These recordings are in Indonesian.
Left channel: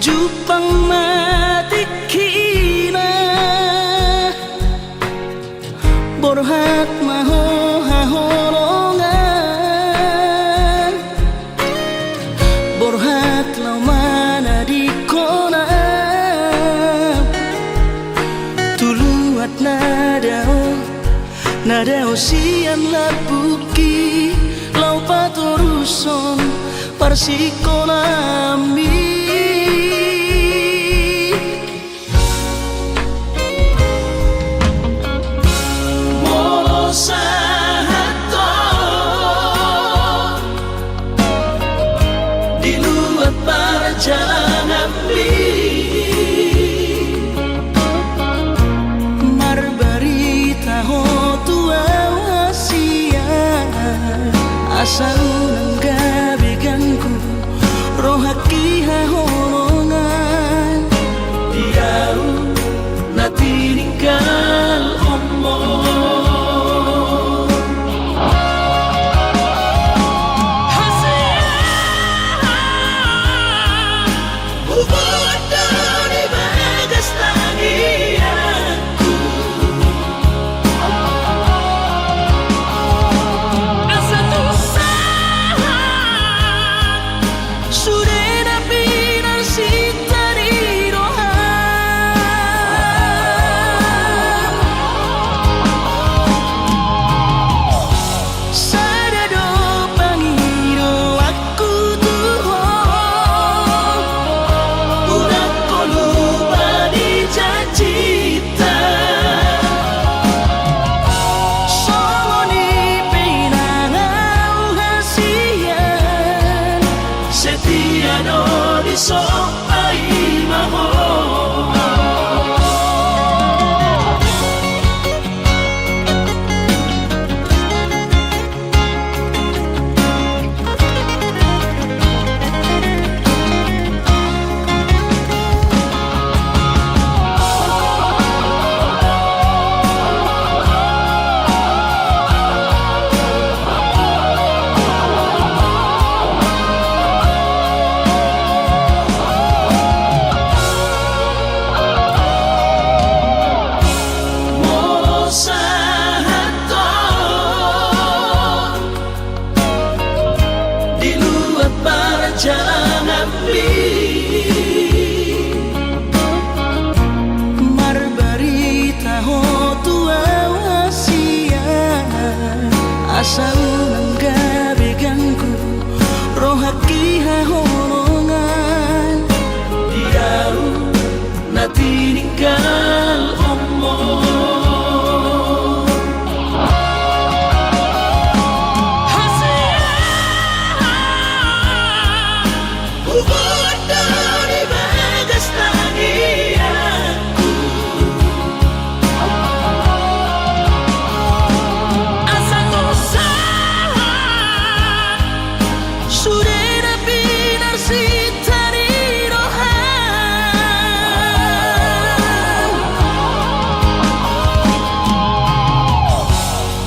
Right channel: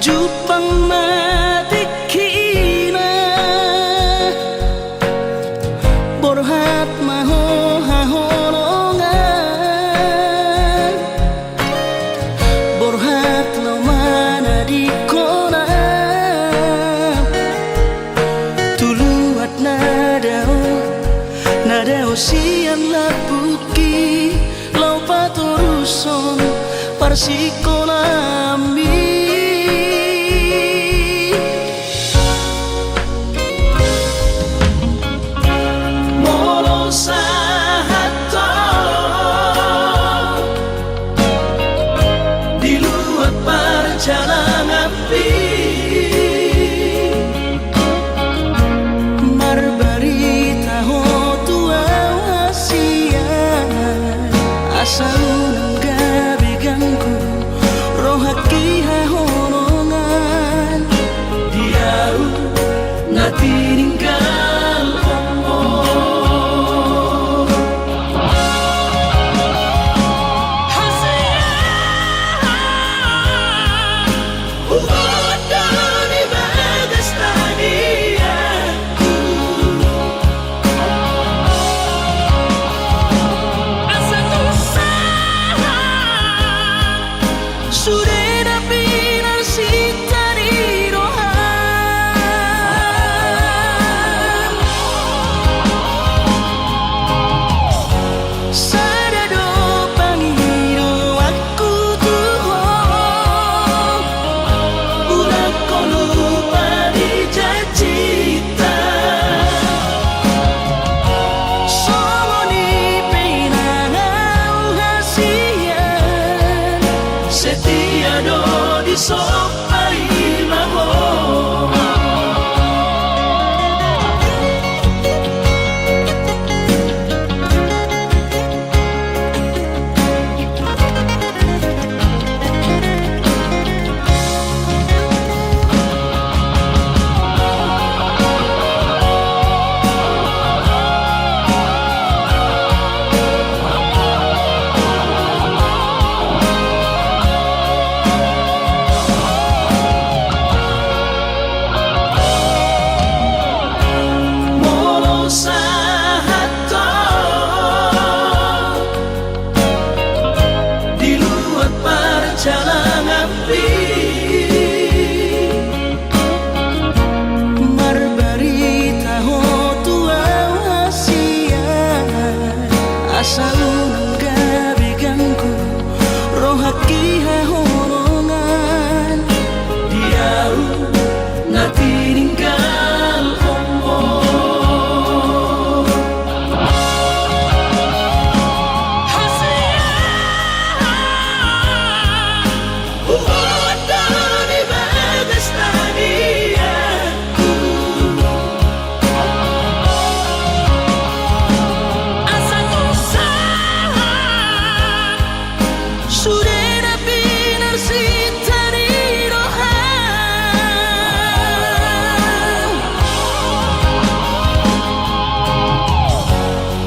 Jupang matikina borhat maho haholongan borhat lau mana di kona tuluat nadao sian labuki lau patoruson parsikonami asa unang gabi ganggu rohaki hahonongan diau na tininggal omong hasian hubungan dari bagas tagianku sudah pinar sita di roham sadado pangiro aku tuhong udah kau lupa dijajita songoni penangau hasian setiado di sopai maho asa unang gabi ganggu rohaki hahonongan diau na tininggal omong hasian hubungan dari bagas tagianku sudah pinar sita di roham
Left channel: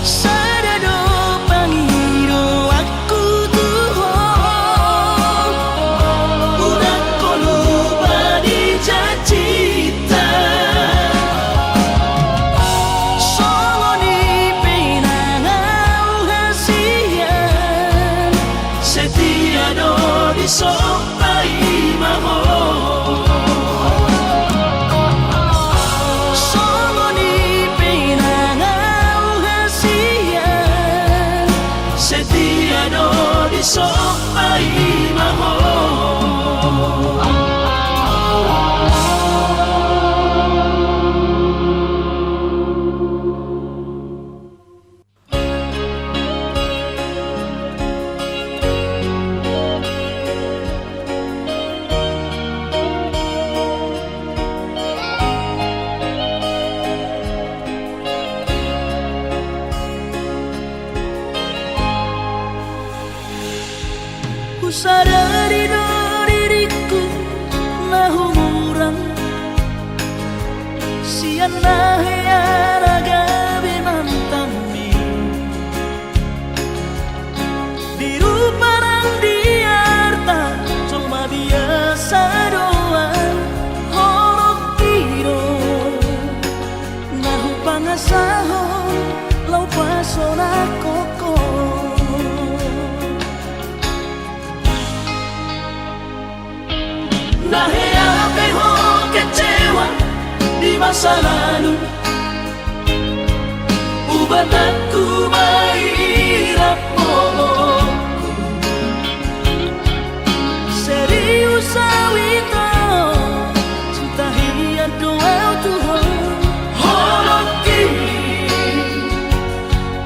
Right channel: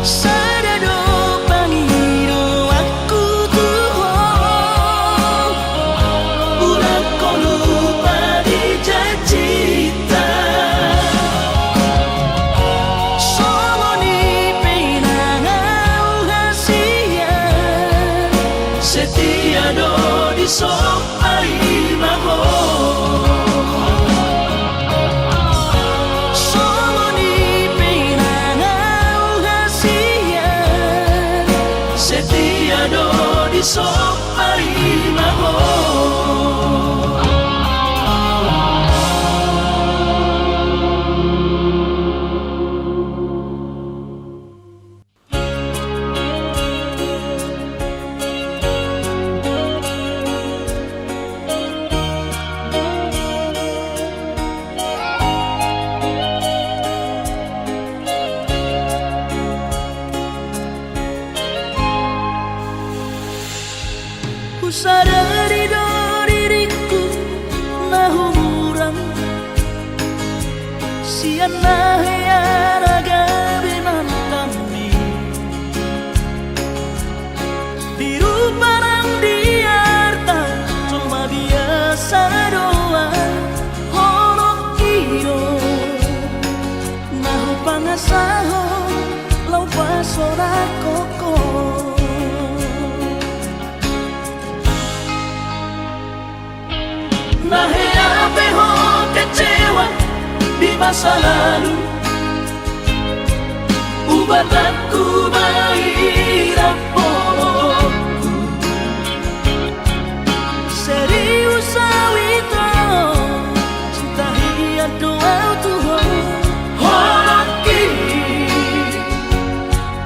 sadado pangiro aku tuhong udah kau lupa dijajita songoni penangau hasian setiado di sopai maho songoni penangau hasian setiado di sopai maho sadari do diriku na humuran sian na heyara gabi mantami diru parang diarta cuma biasa doa sahong lau pasora koko. Nahe ape ho kecewa di masa lalu, ubat aku mahirap pomoku. Serius awito cinta hiat doa Tuhan. Hoki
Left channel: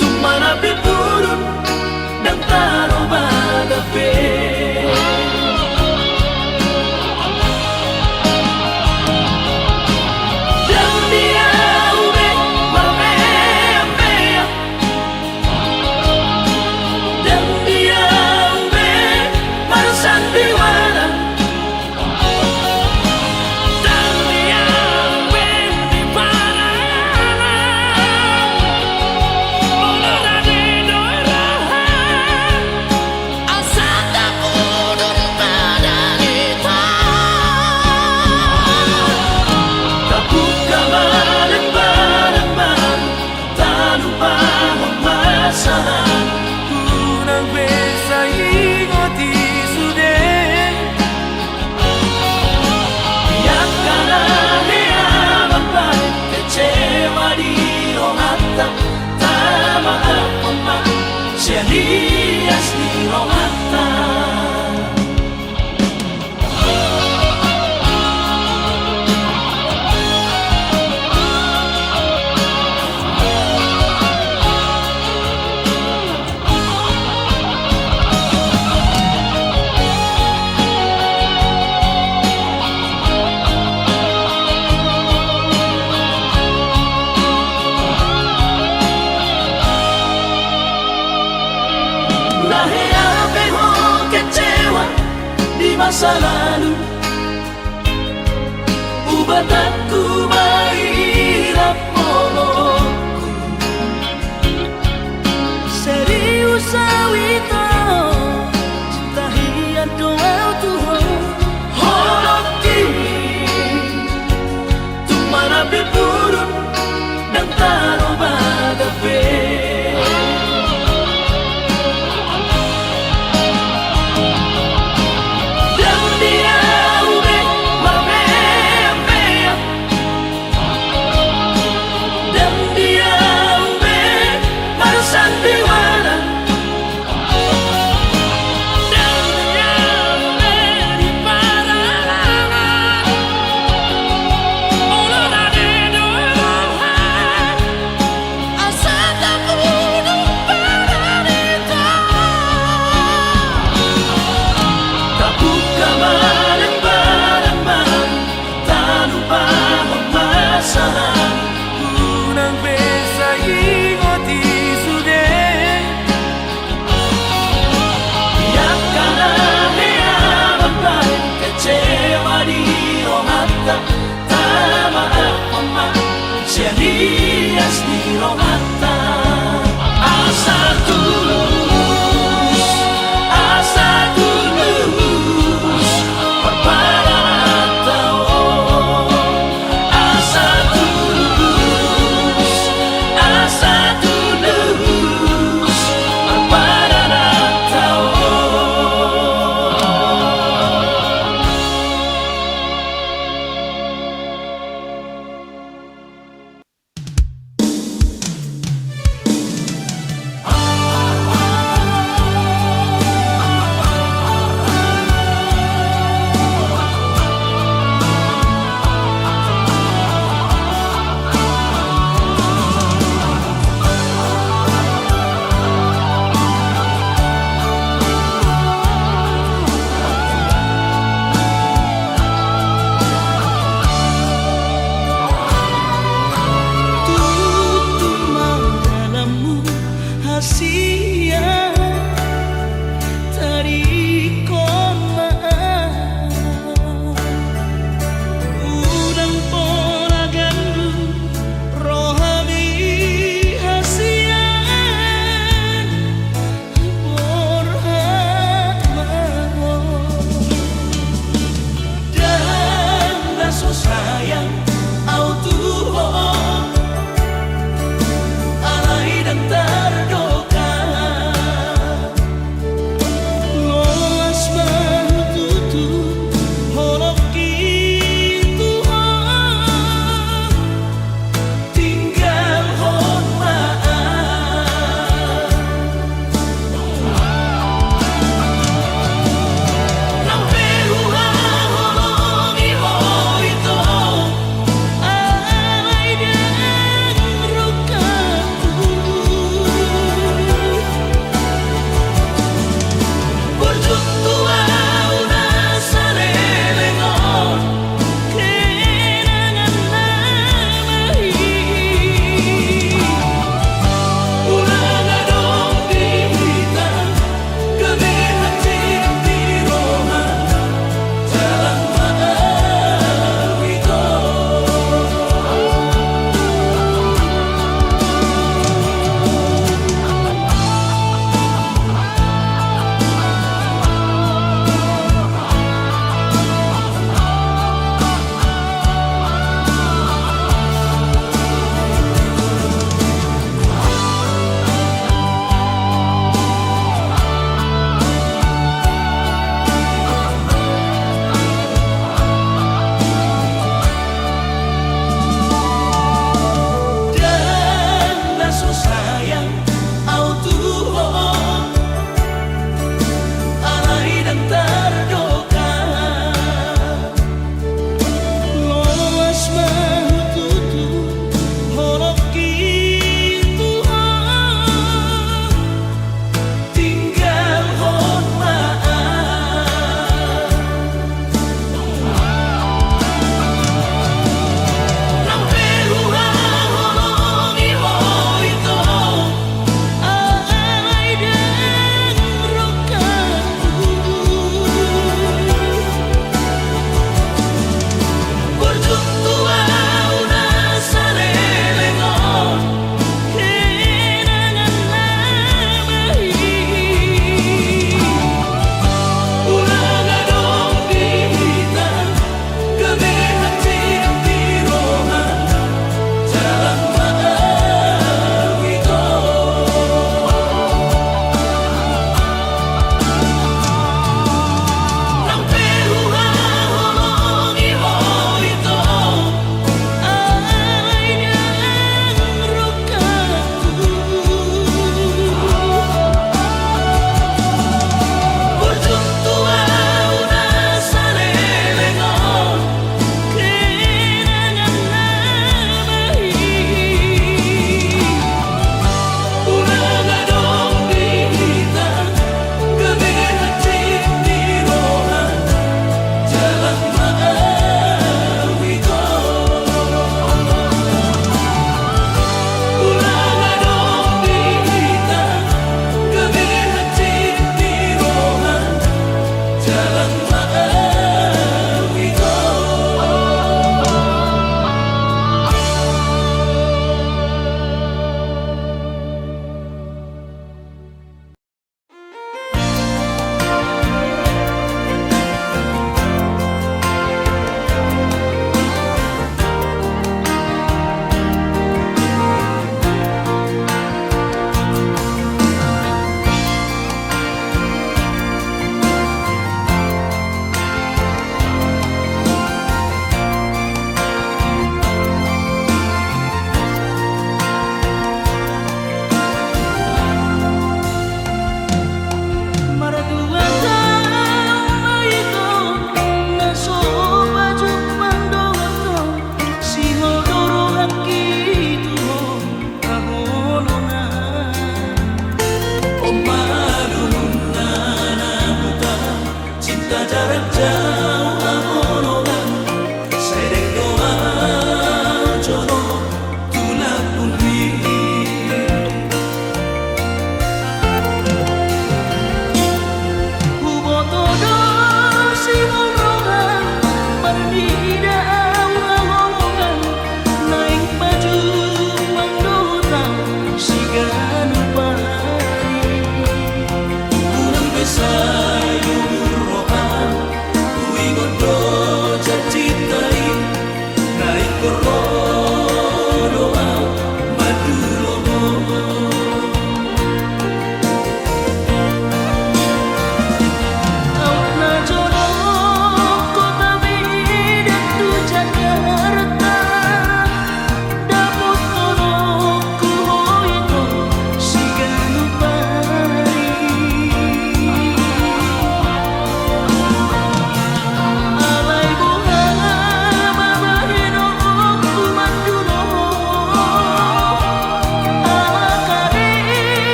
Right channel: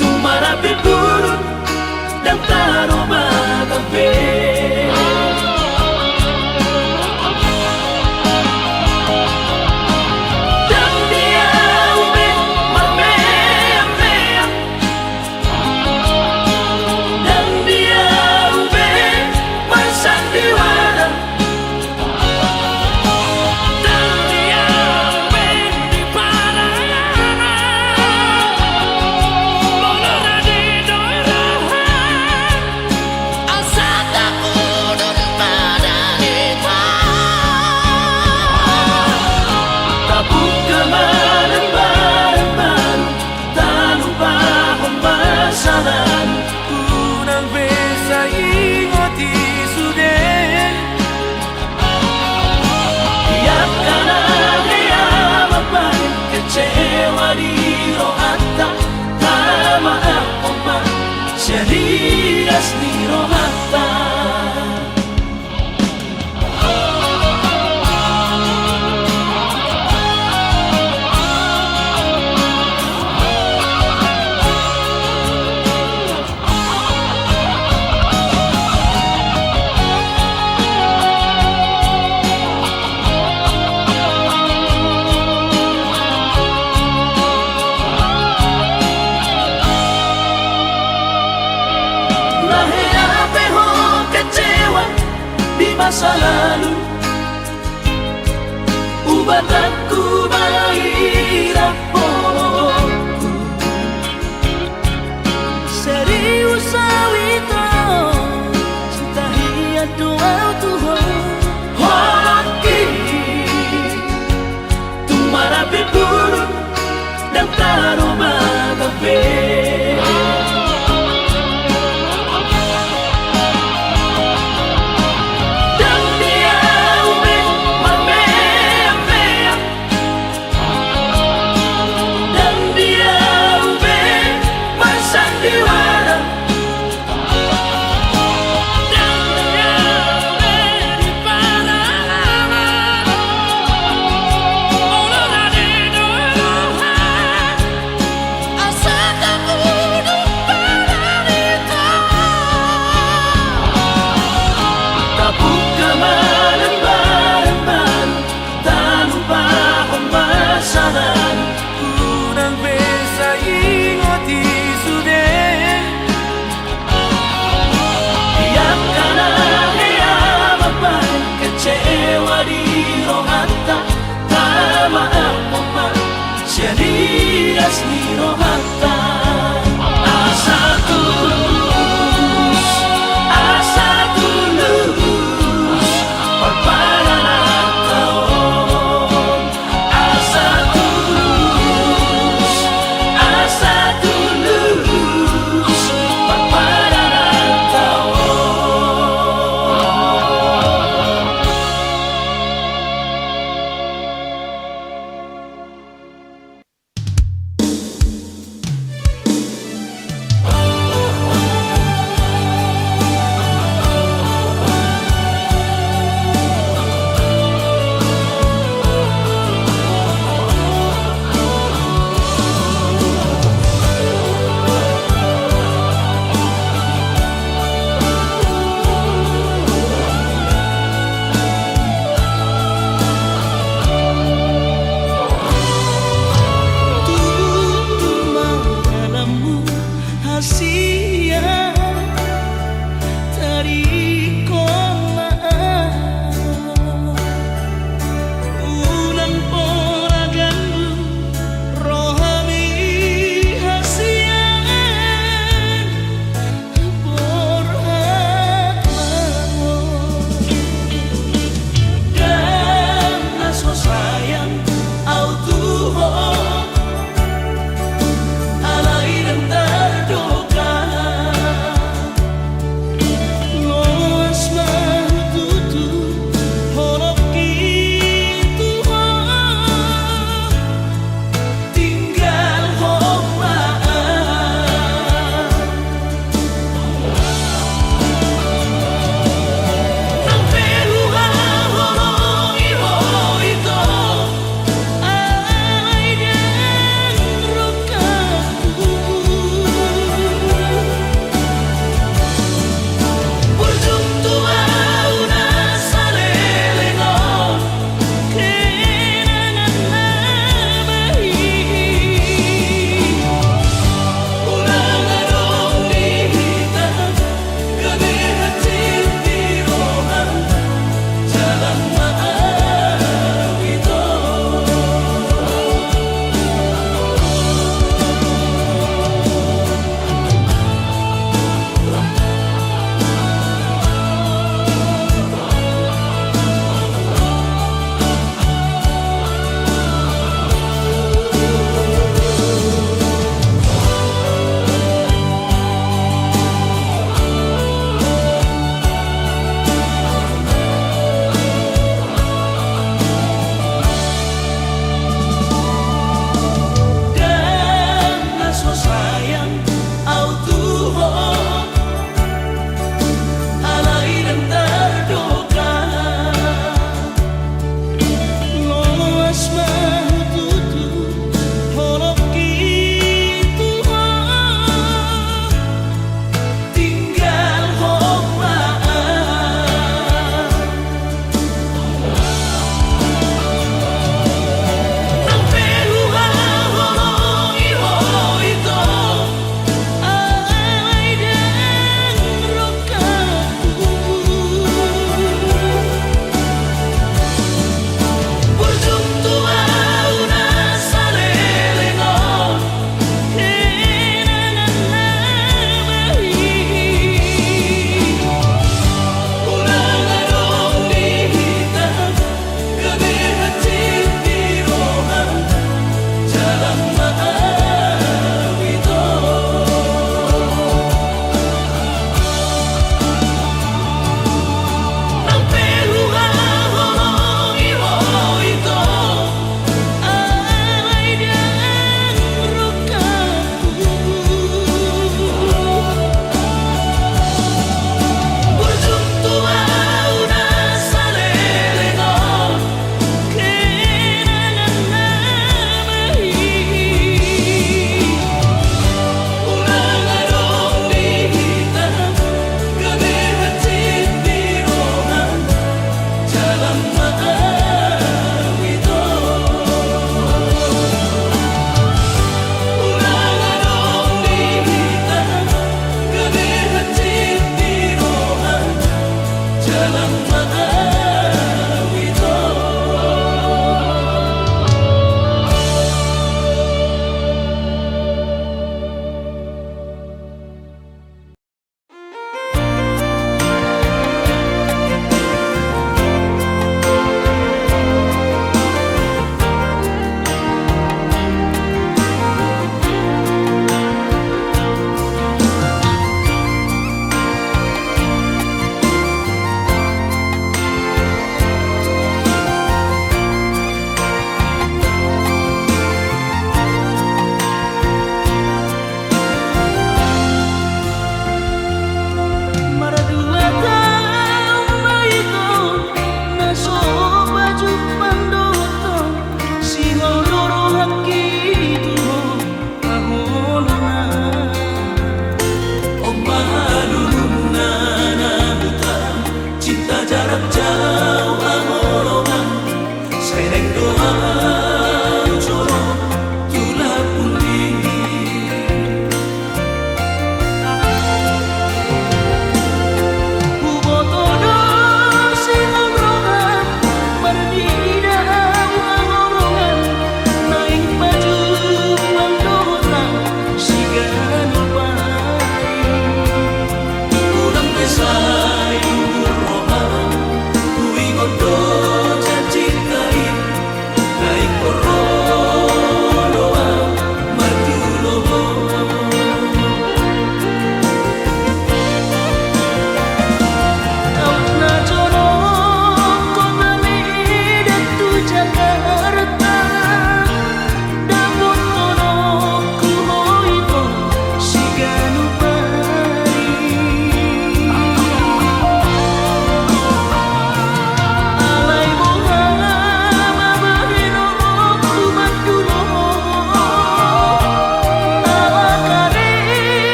tumara pigurun dan taroba gabe. Jadi asli rohata. Nahe ape ho kecewa di masa lalu, ubat aku mahirap pomoku. Serius awito cinta hiat doa Tuhan. Hoki tumara pigurun dan taroba gabe. Sandiwara, dan dia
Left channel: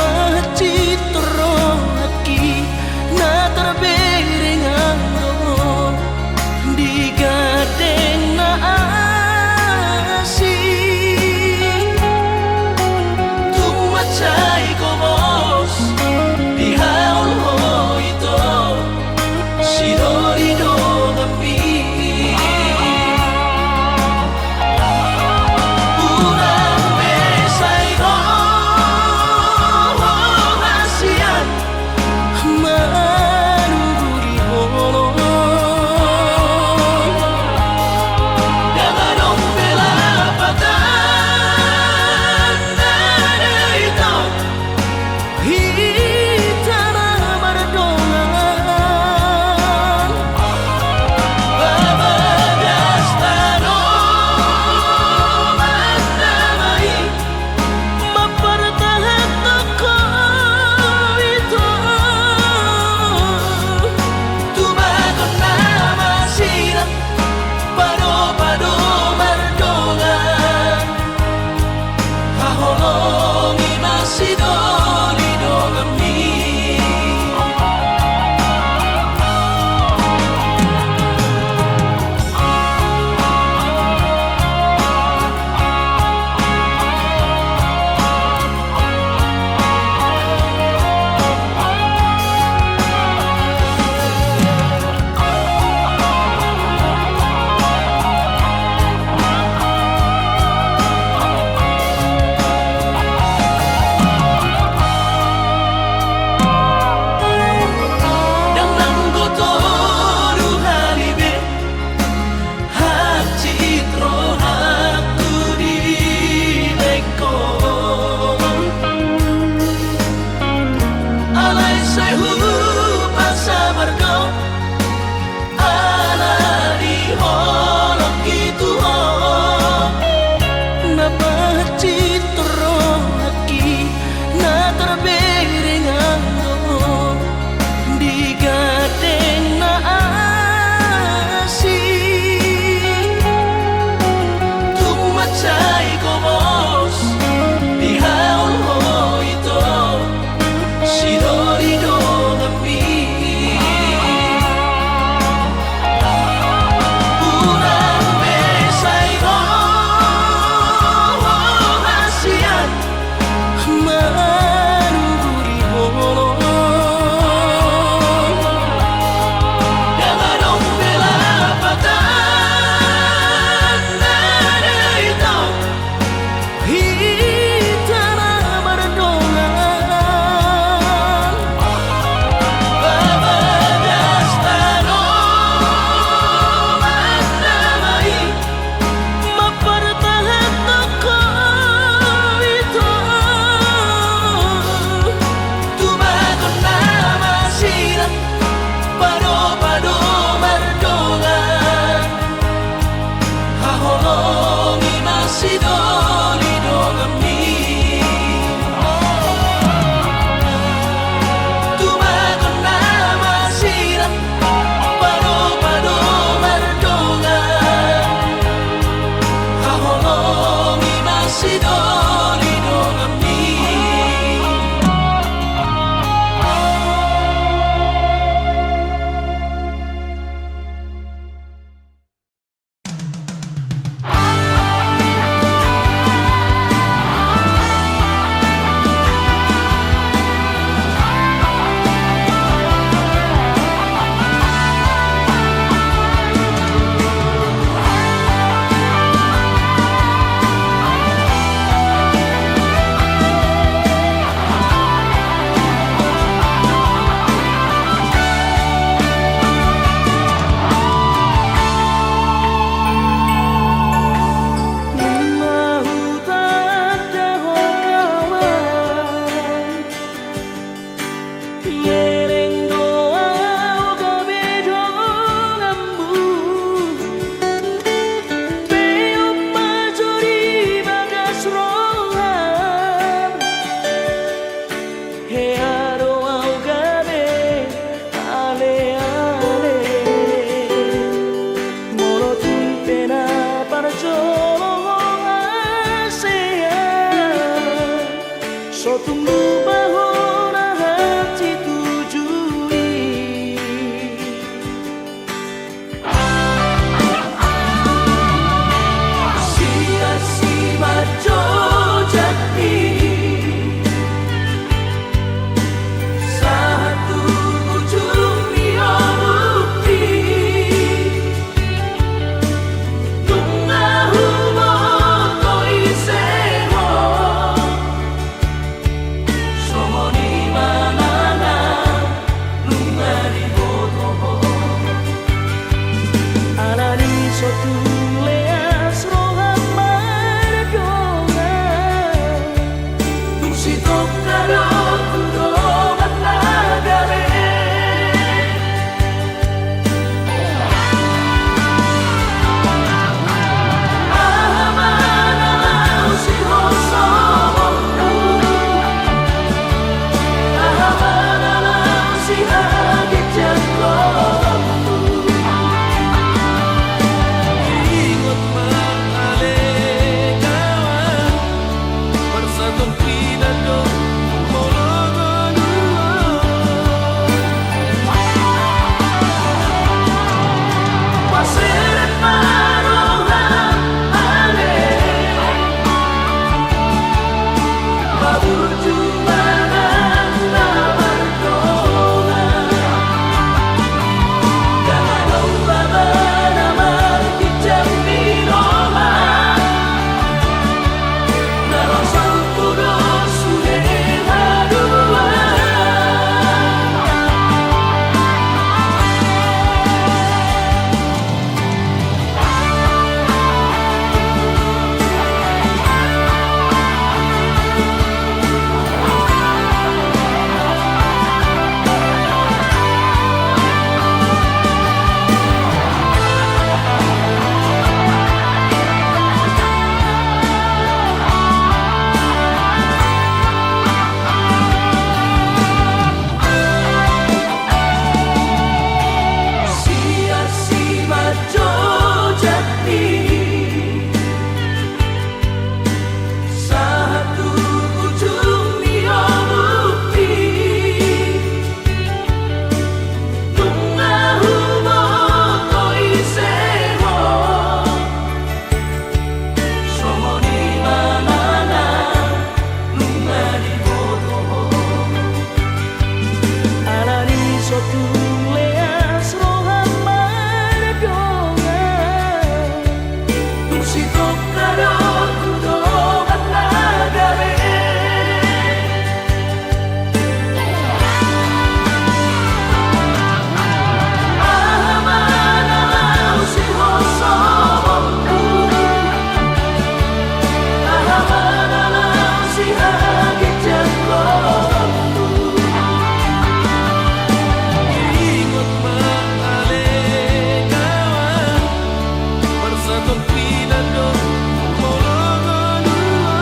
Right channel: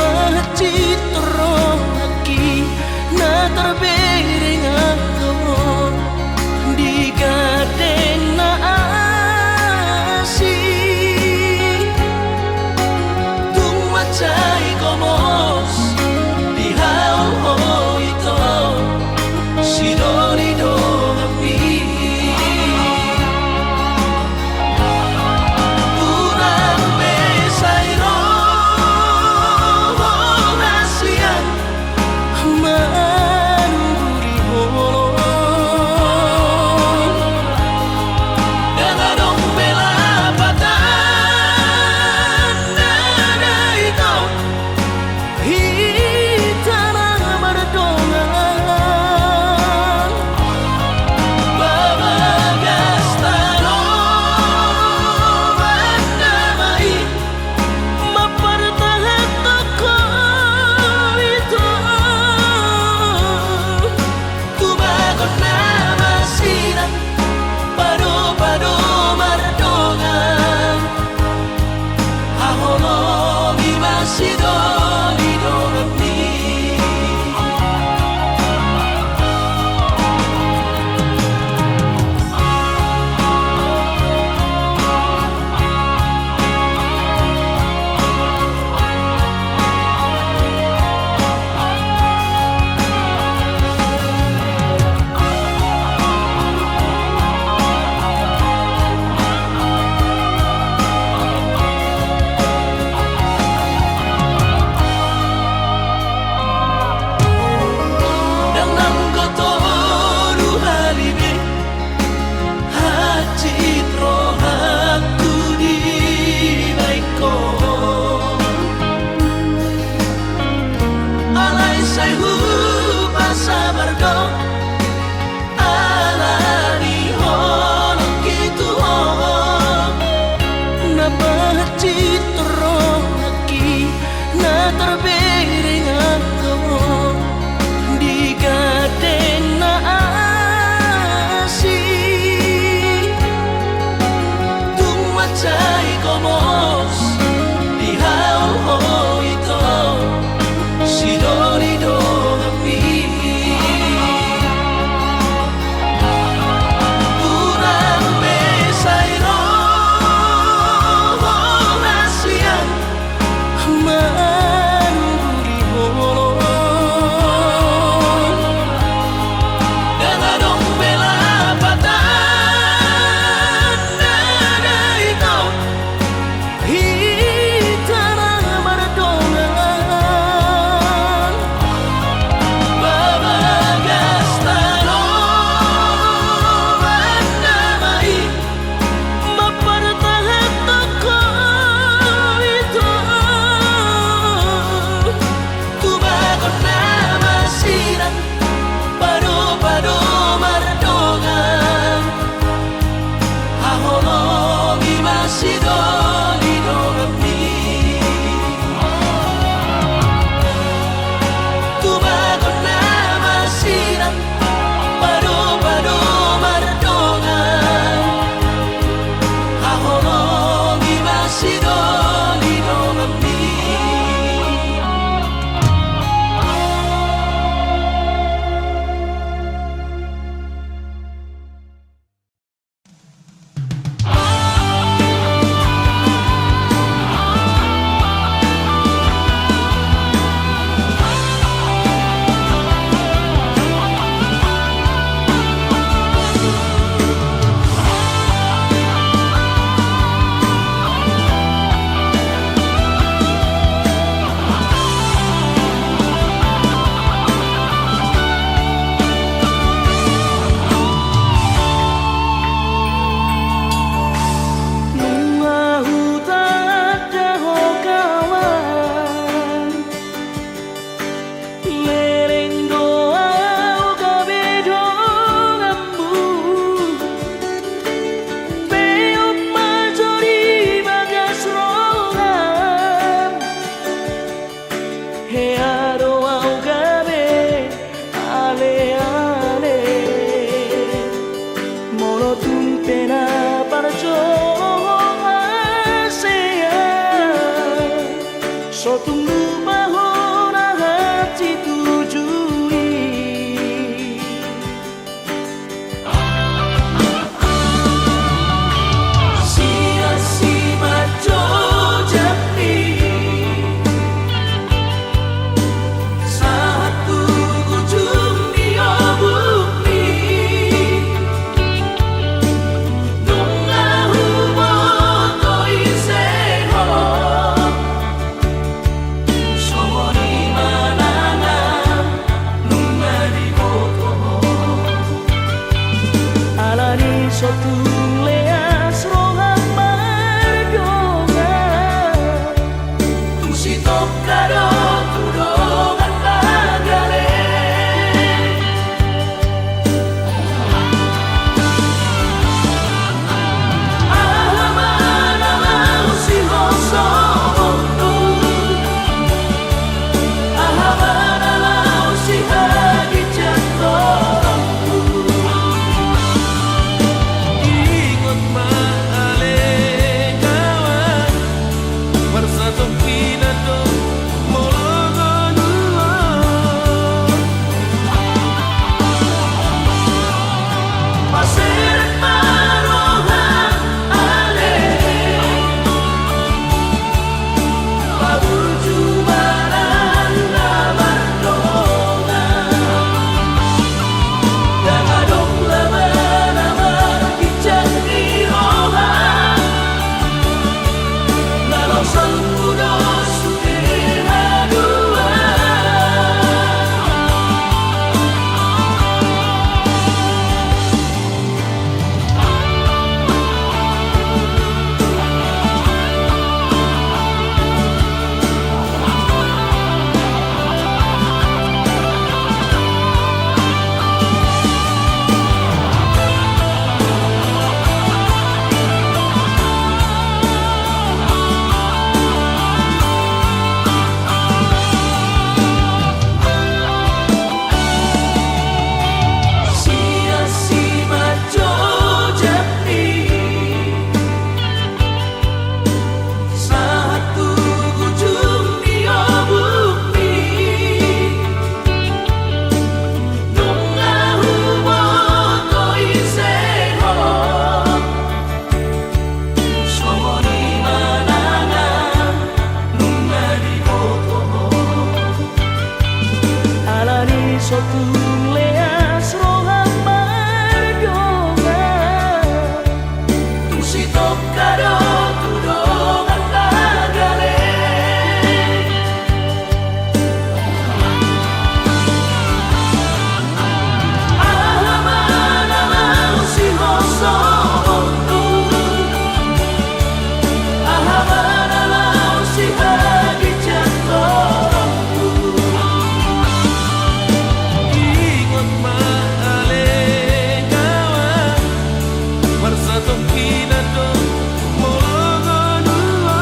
mahachitro aquí na terbering anggo di gadeng na asi tumacay komos di haul mo ito si Dorino kami urang mesayro manung sotung leas rohan mardonga tusi tokado tudongan nagare ahamana usi hoso bondu ahamana usi hagi jangko Bersatu pinado molongonua Paseret marohan ale Mabur jumanan na bardonga Dangadong laban amar kijang nirohan Narosal puno sude hadua Sia-si majo japri Satu ujung dia bukti Nunga hubo to iseho Somoni manana Nunga di hotoho Alani sotung leas rohan mardonga Tusi tokado tudongan nagare Ahamana usi hoso bondu Ahamana usi hagi jangko Ingot maale kawan Bersatu pinado molongonua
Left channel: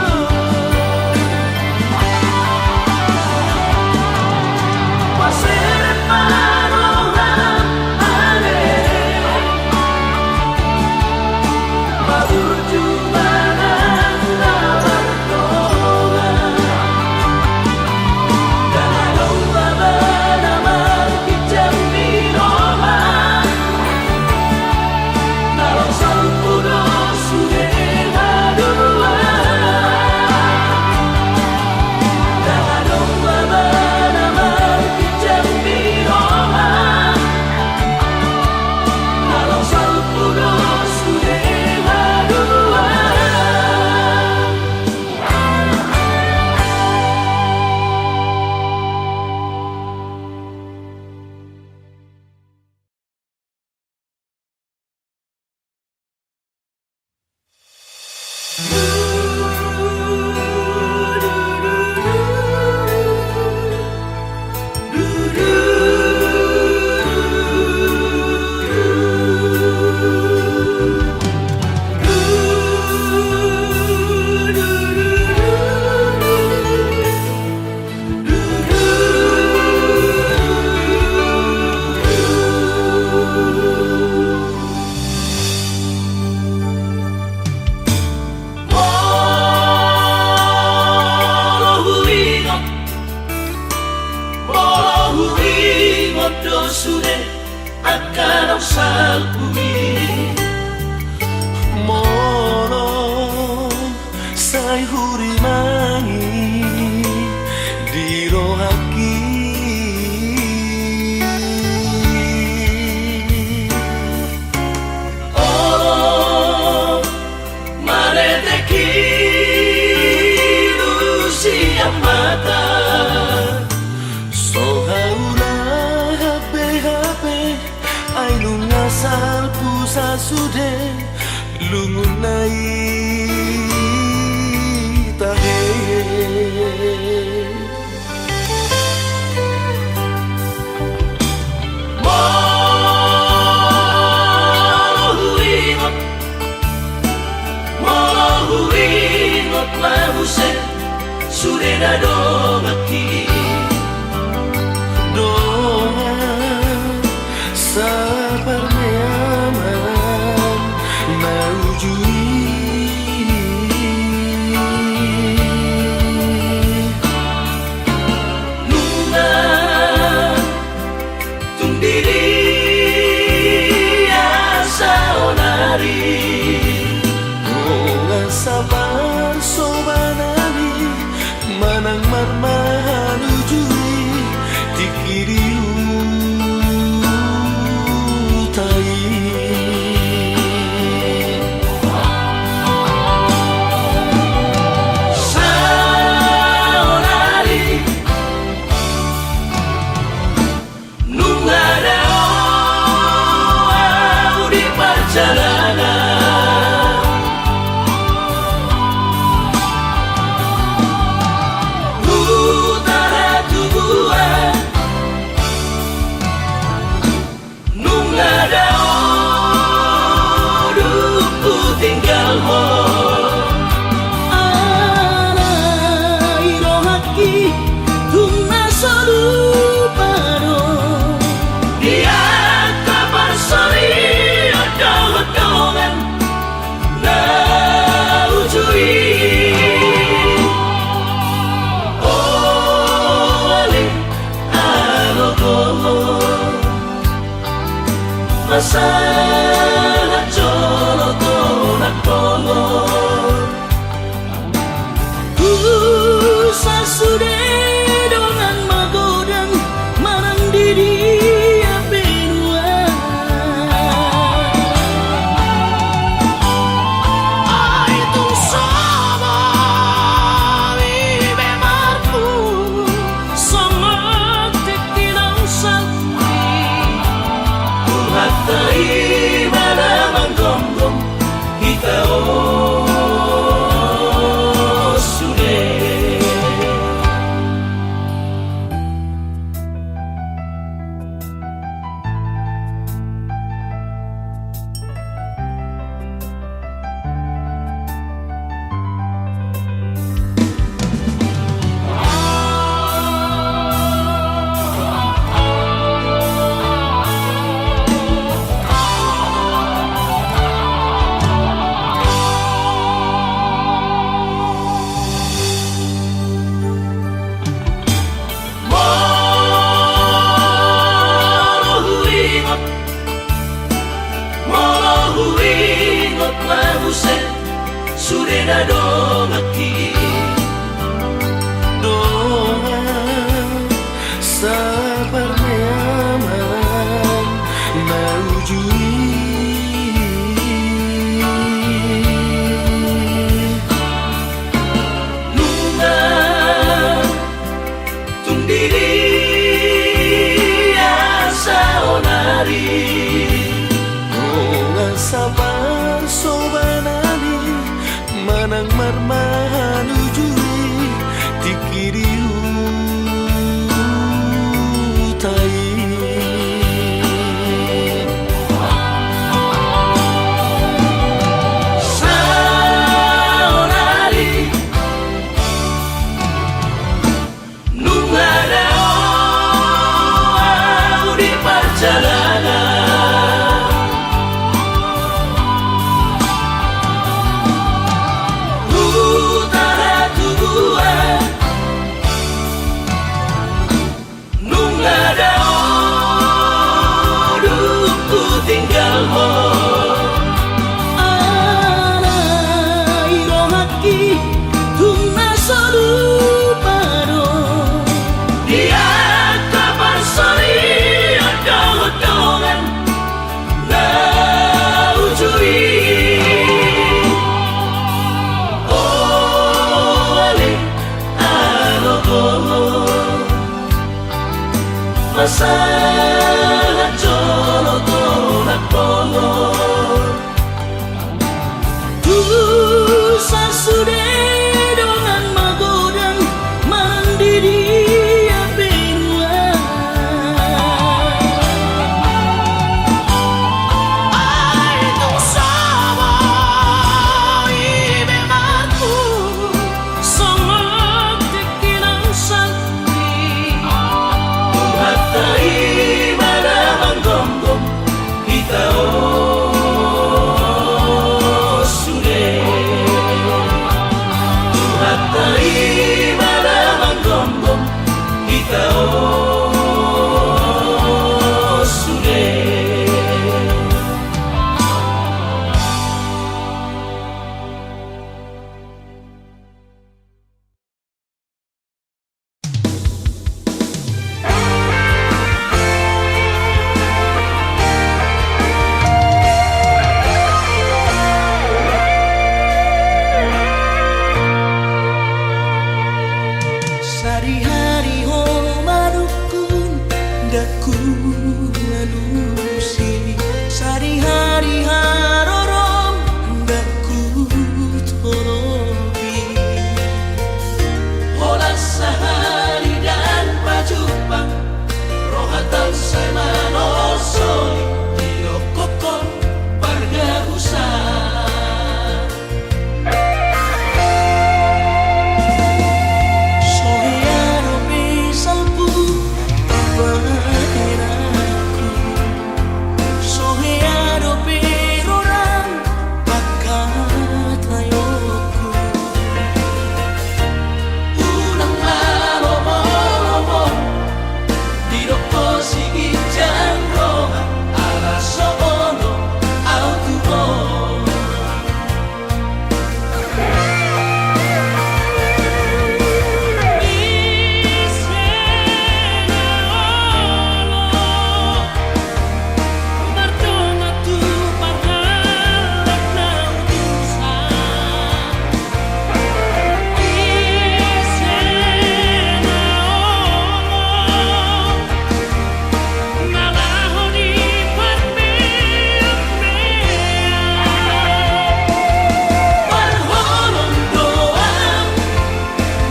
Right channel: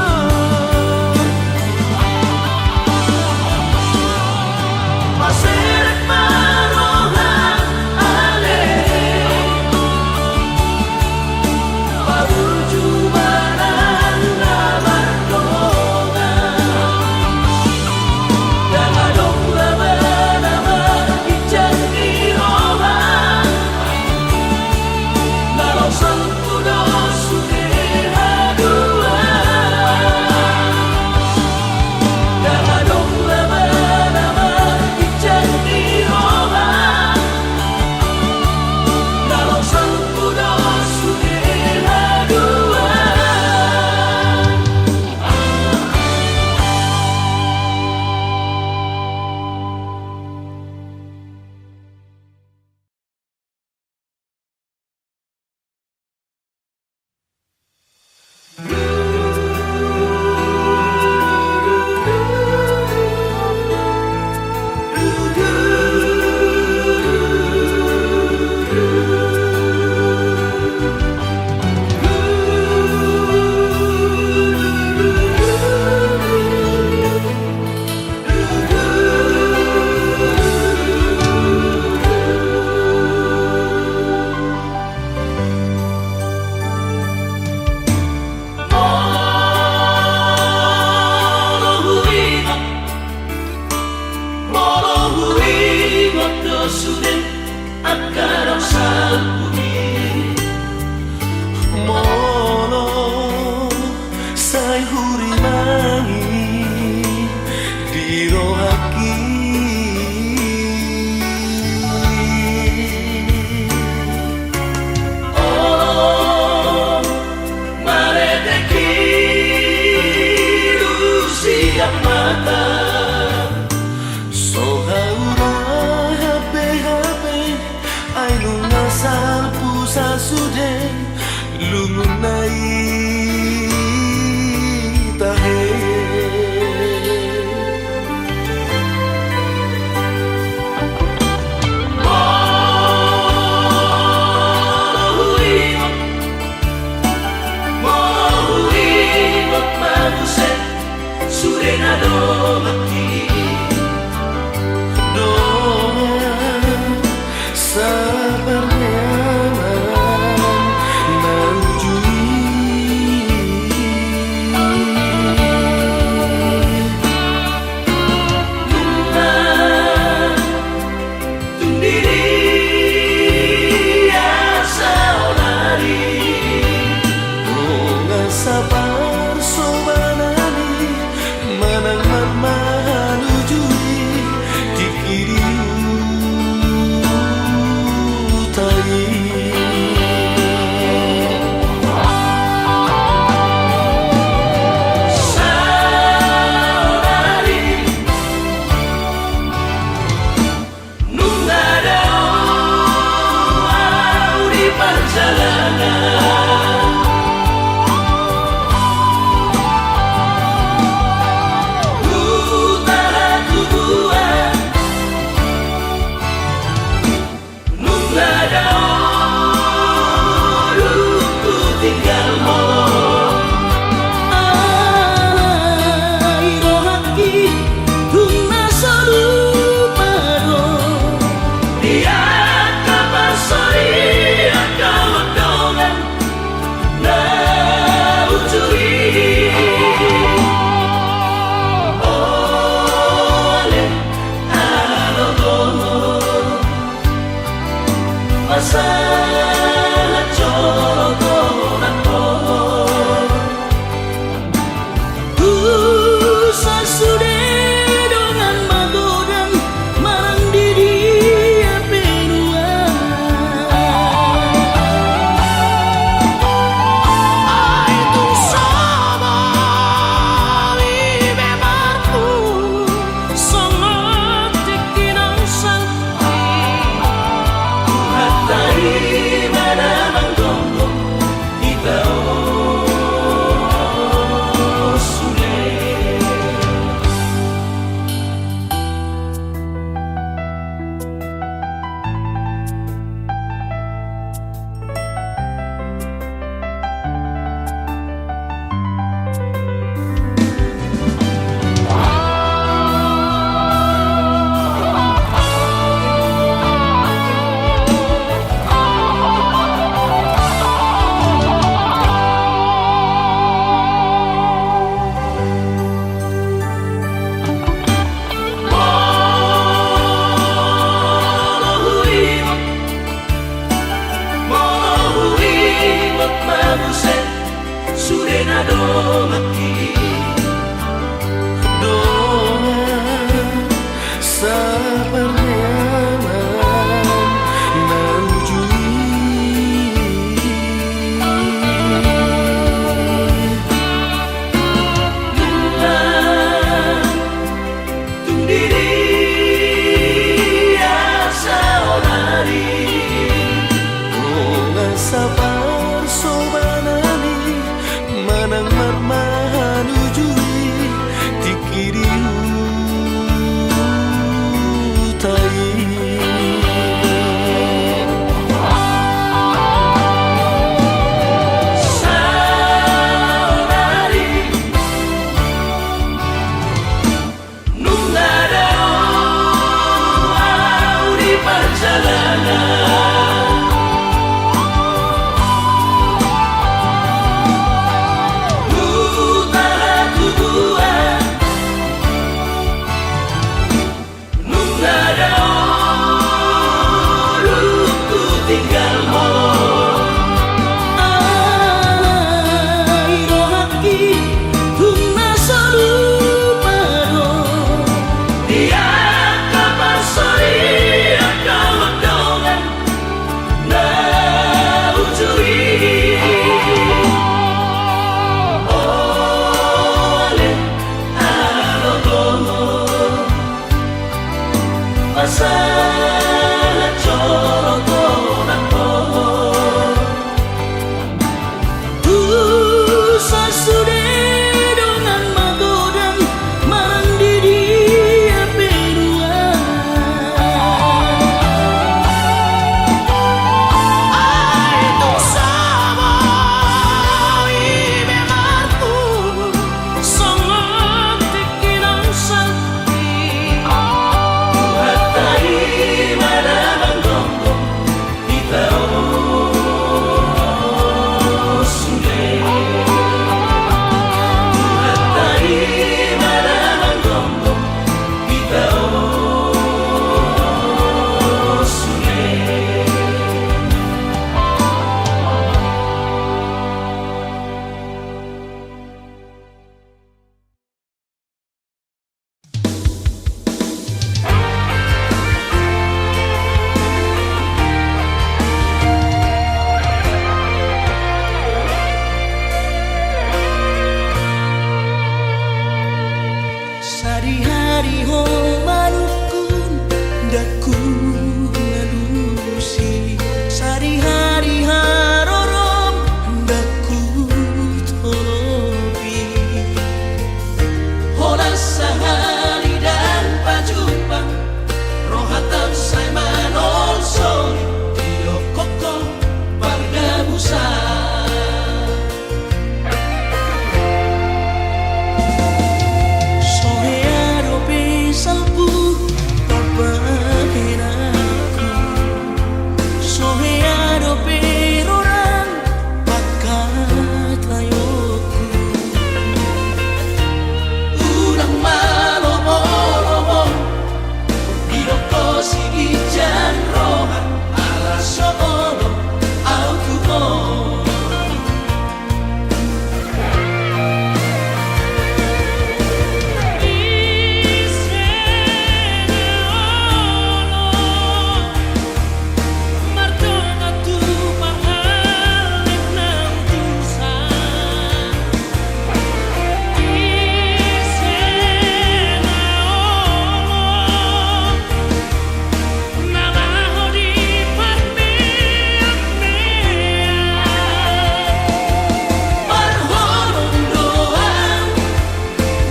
Paseret marohan ale Mabur jumanan na bardonga Dangadong laban amar kijang nirohan Narosal puno sude hadua Dangadong laban amar kijang nirohan Narosal puno sude hadua Molohuingot dosude akadang sa bumi Molo say hurimangi dirohaki Olo mareteki lusia mata Sohauna hape-hape ay nungasal puso sasude lungun nai tahe Surena do bakti doa sabar nyaman naujui Nuna tundiri asa onari doa sabar sobanani manang marmahan ujui dikiriu tai saonari nungada di perjalanan utara tubuhan nungada ku tinggal ho alai rohaki tungna salupado dia kapan sori ada lekongan na ujui ole alogomo masalah colo konak pongo sasude dongan magodan marang didi penua ai tung saba vive marpu sangat tekinang salpi hatai mana manggonggong kita sude Surena do bakti doa sabar nyaman naujui Nuna tundiri asa onari doa sabar sobanani manang marmahan ujui dikiriu tai saonari nungada di perjalanan utara tubuhan nungada ku tinggal ho alai rohaki tungna salupado dia kapan sori ada lekongan na ujui ole alogomo masalah colo konak pongo Daku lalusi sari-hari harorom daku tolobi Hola sahari dan pajupang rohatang saya manosoi iyo kokong parga usah sohearo pesalpu papaheraku sohearo perorang pakatayoku Unang manomo Dinoko sige dyan roha alas ono autubo Parholong doang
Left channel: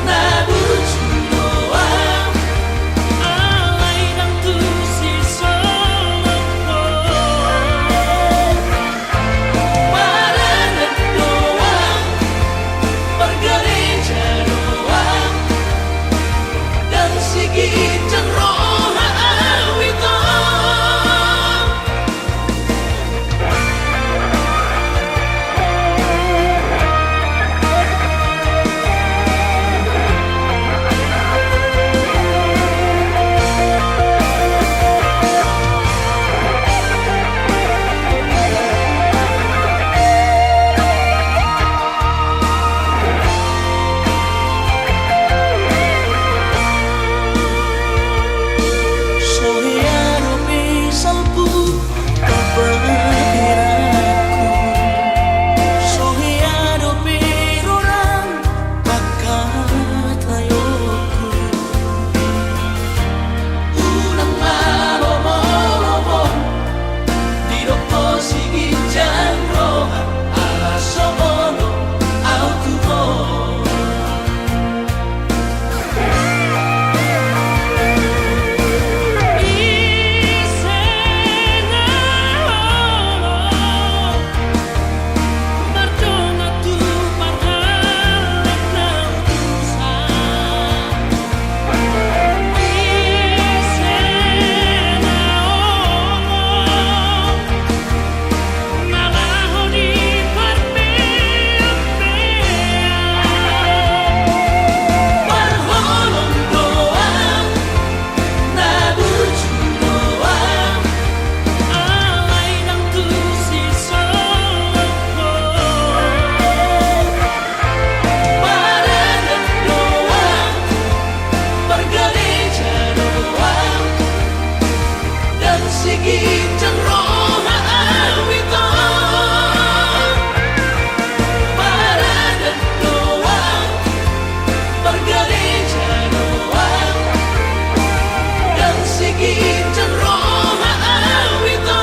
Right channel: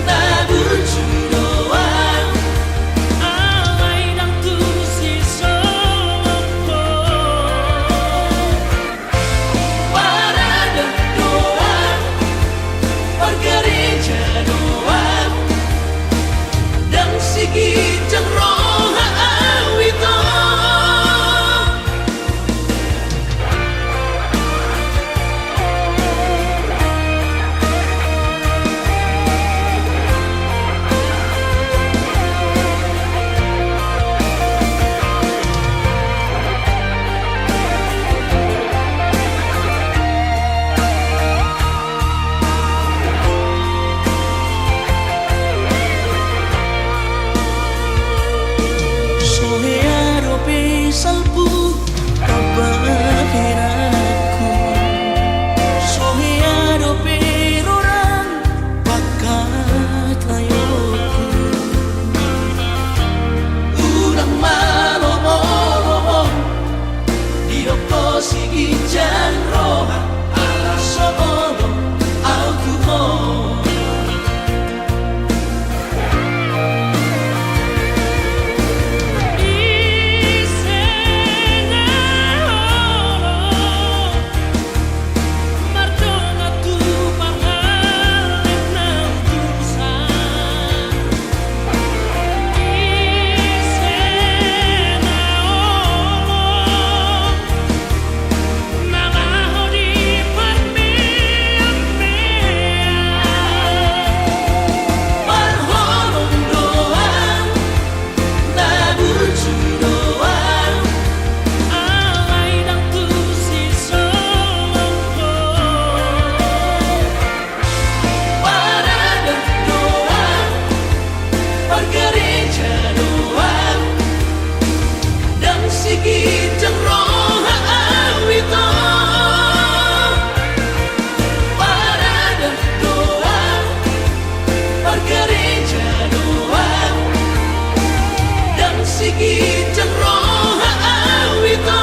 nabuju doang Alay ng tusisoloko Panangan doang Margarita doang Dan sigitang roha awito sohearo pesalpu papaheraku sohearo perorang pakatayoku Unang manomo Dinoko sige dyan roha alas ono autubo Parholong doang nabuju doang Alay ng tusisoloko Panangan doang Margarita doang Dan sigitang roha awito Panangan doang Margarita doang Dan sigitang roha awito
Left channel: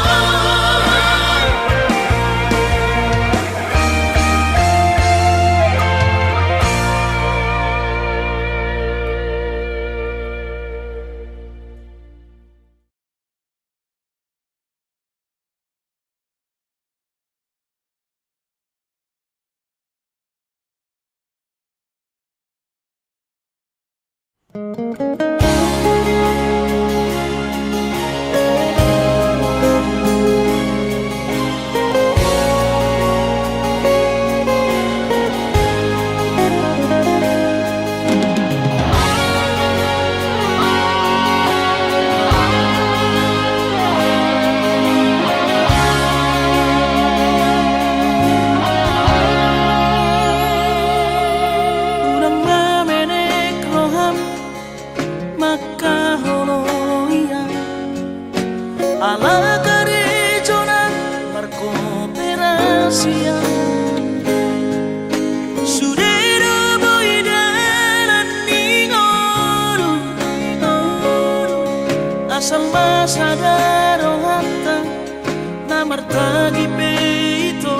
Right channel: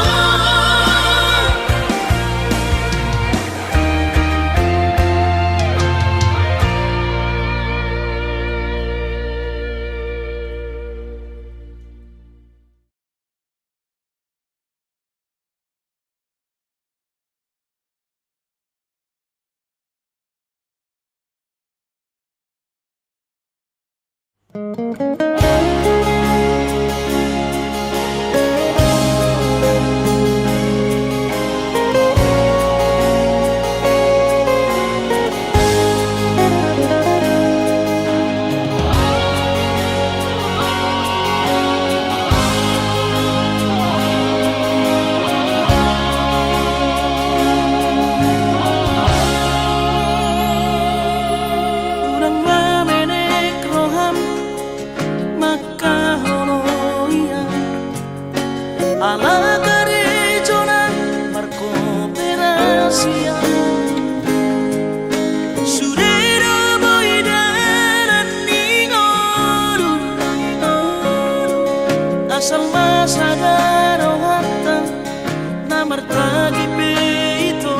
urang mamenek roham makaholoian ala garejona markooperasian sudero boidanan ningoru asal masadaro hatta namartagi peito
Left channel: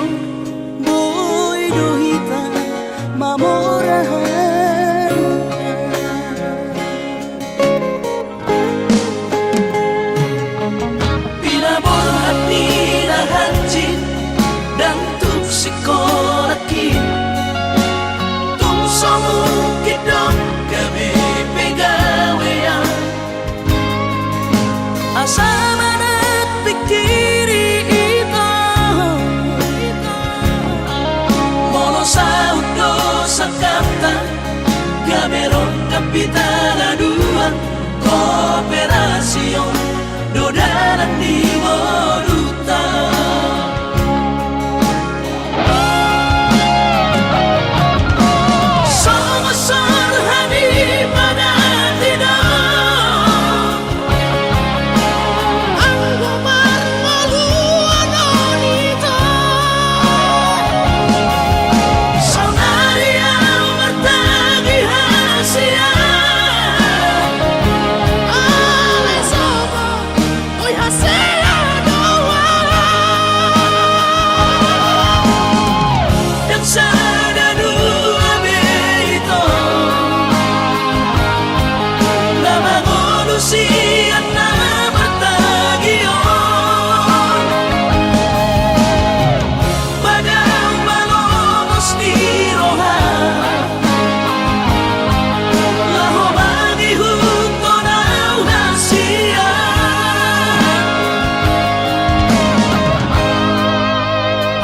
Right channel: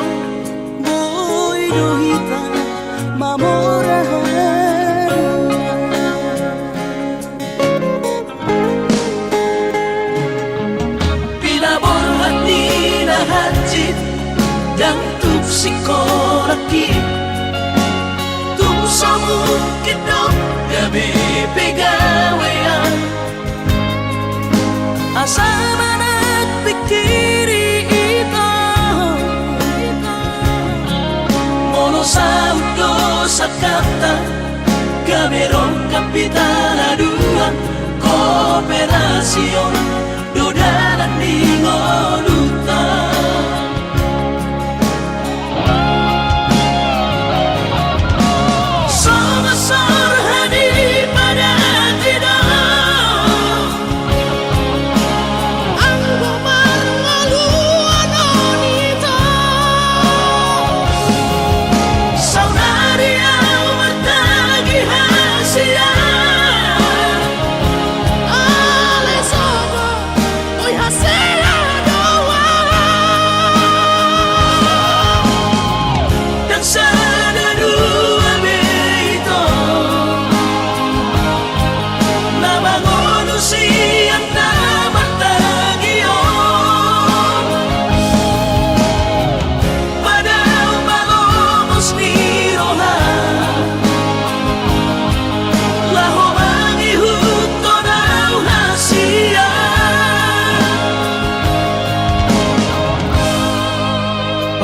boy dohita mamorahan pinaborhan ni lahanjit dan tupsikolaki tumsomu kidot gabi pegawean asama nagpikiri ito mono sa udo sa kapta gamerong kapitaladuan kooperasyon dodanan ni Moduta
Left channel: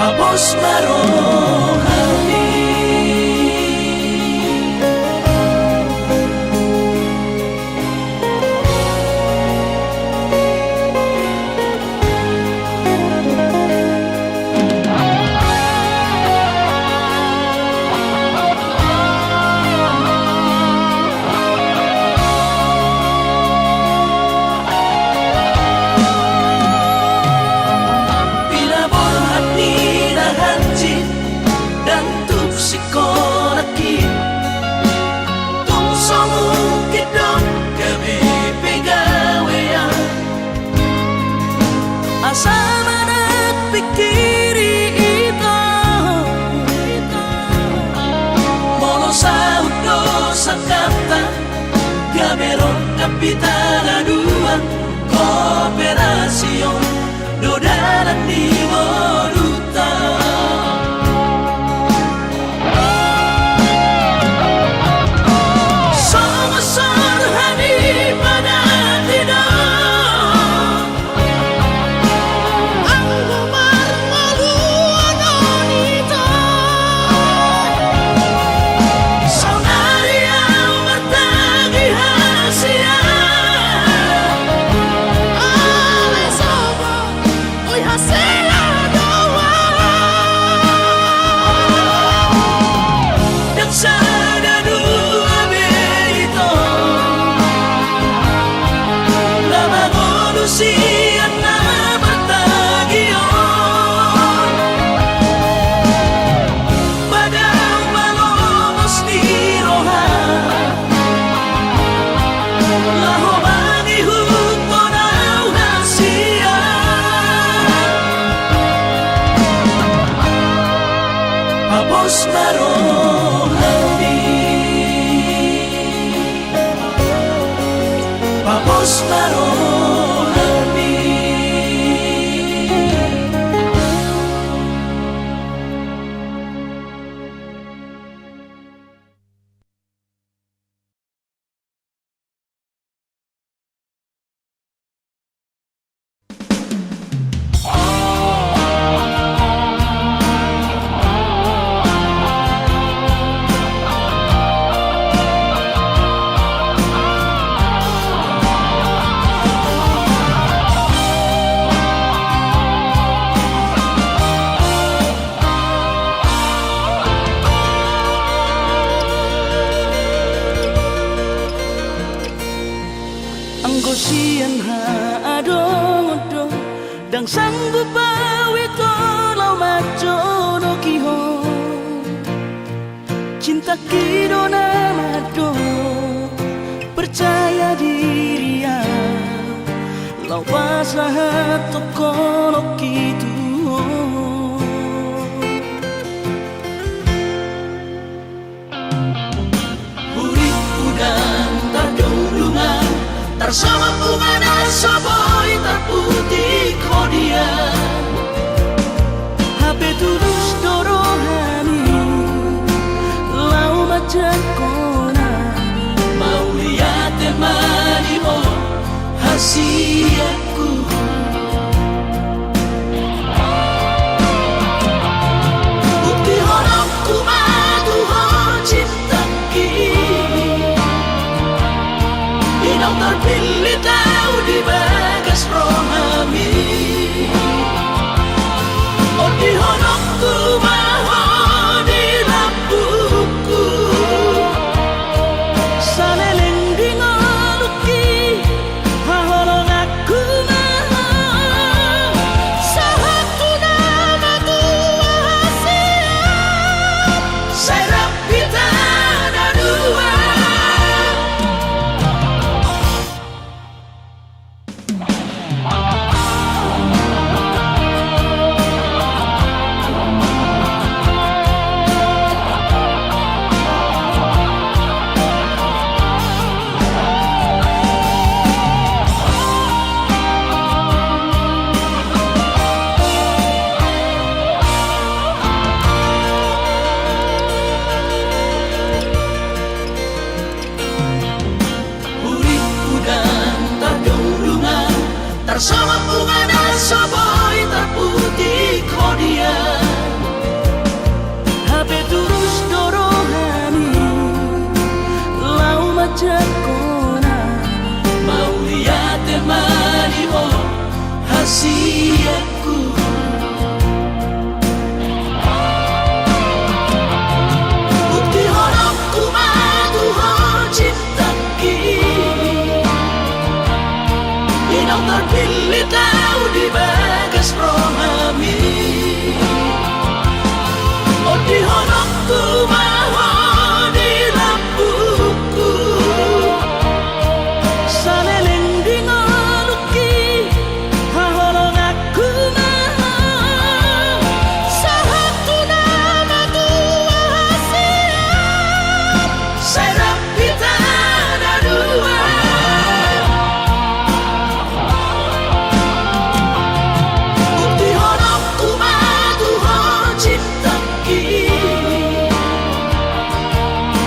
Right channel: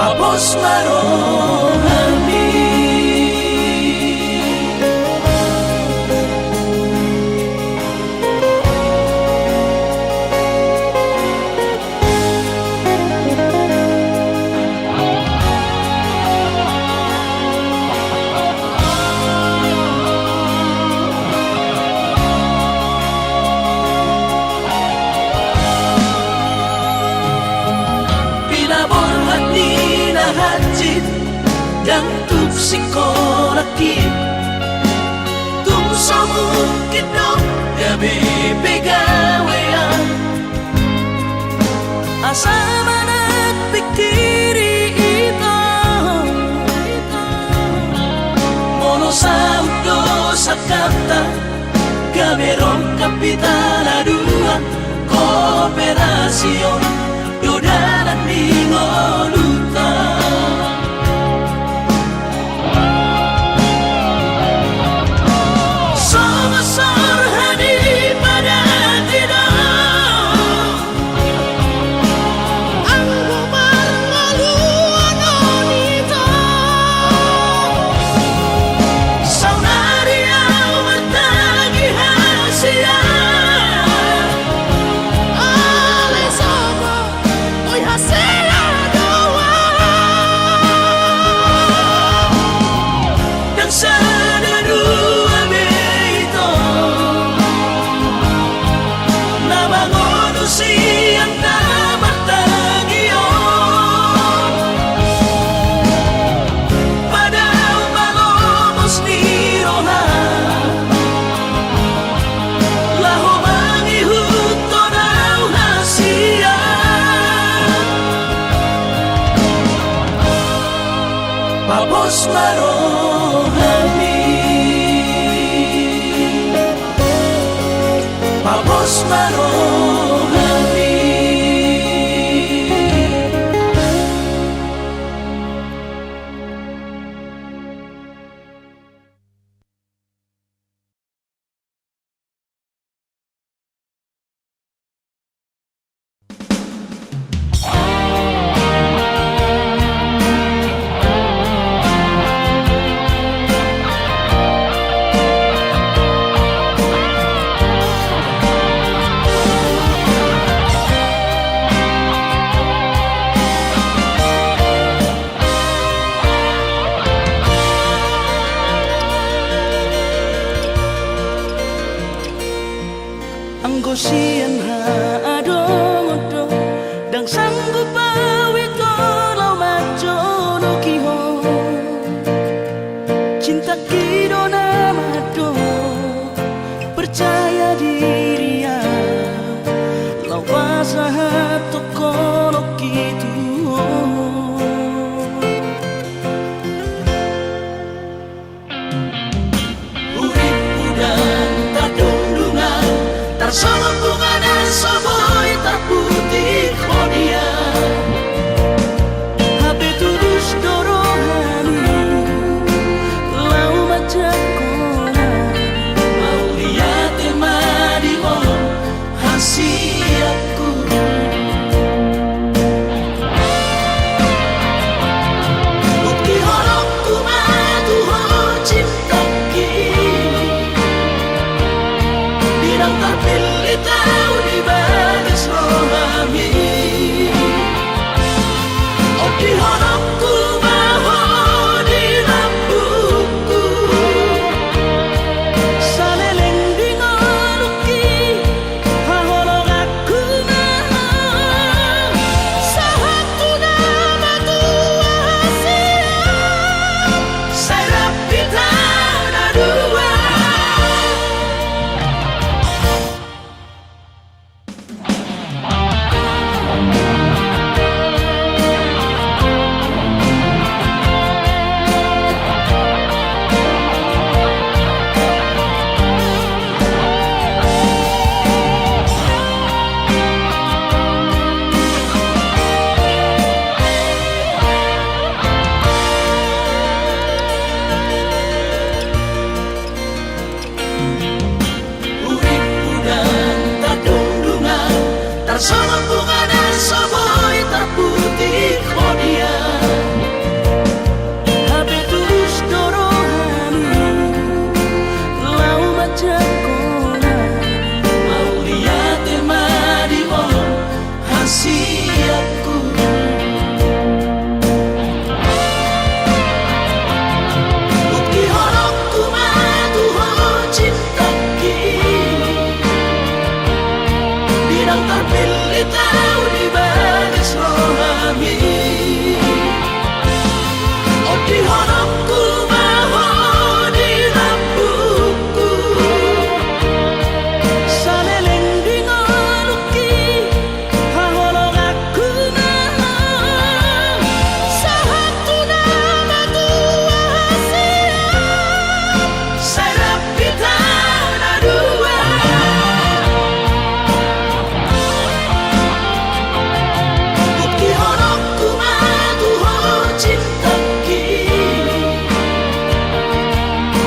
Papos marong hati dan tupsikolaki tumsomu kidot gabi pegawean asama nagpikiri ito mono sa udo sa kapta gamerong kapitaladuan kooperasyon dodanan ni Moduta Papos marong hati Papos marong hati Anggosian adong odo dang sanggup bawi kalau majo no kiho cinta kido namado percaya diri ya Kawasahat tokono kitu Urip udang tardundungan Tarsama bunga soboy terputih kodian Hape tulus dorohani Lau majakona Mau lihat temani mo hasiatku Bukti horokku maduho cintaki Dinang terpilih tahu di bagas rohami Oh di horokku maho di lampuku Saleleng di ngoluki Haholong aku maha Sahatu nama tua hasiat Saya rapi tanah dua Urip udang tardundungan Tarsama bunga soboy terputih kodian Hape tulus dorohani Lau majakona Mau lihat temani mo hasiatku Bukti horokku maduho cintaki Dinang terpilih tahu di bagas rohami Oh di horokku maho di lampuku Saleleng di ngoluki Haholong aku maha Sahatu nama tua hasiat Saya rapi tanah dua Bukti horokku maduho cintaki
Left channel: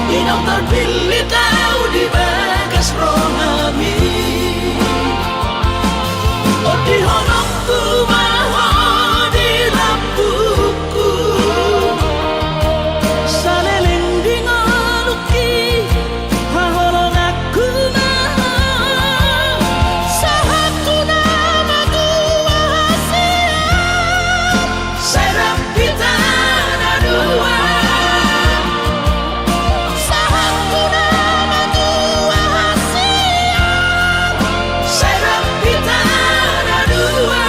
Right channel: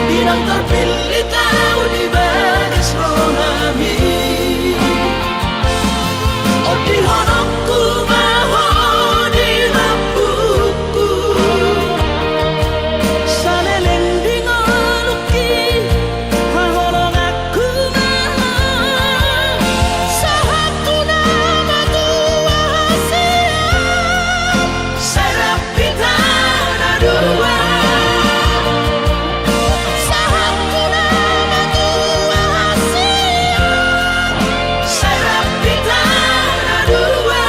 Dinang terpilih tahu di bagas rohami Oh di horokku maho di lampuku Saleleng di ngoluki Haholong aku maha Sahatu nama tua hasiat Saya rapi tanah dua Sahatu nama tua hasiat Saya rapi tanah dua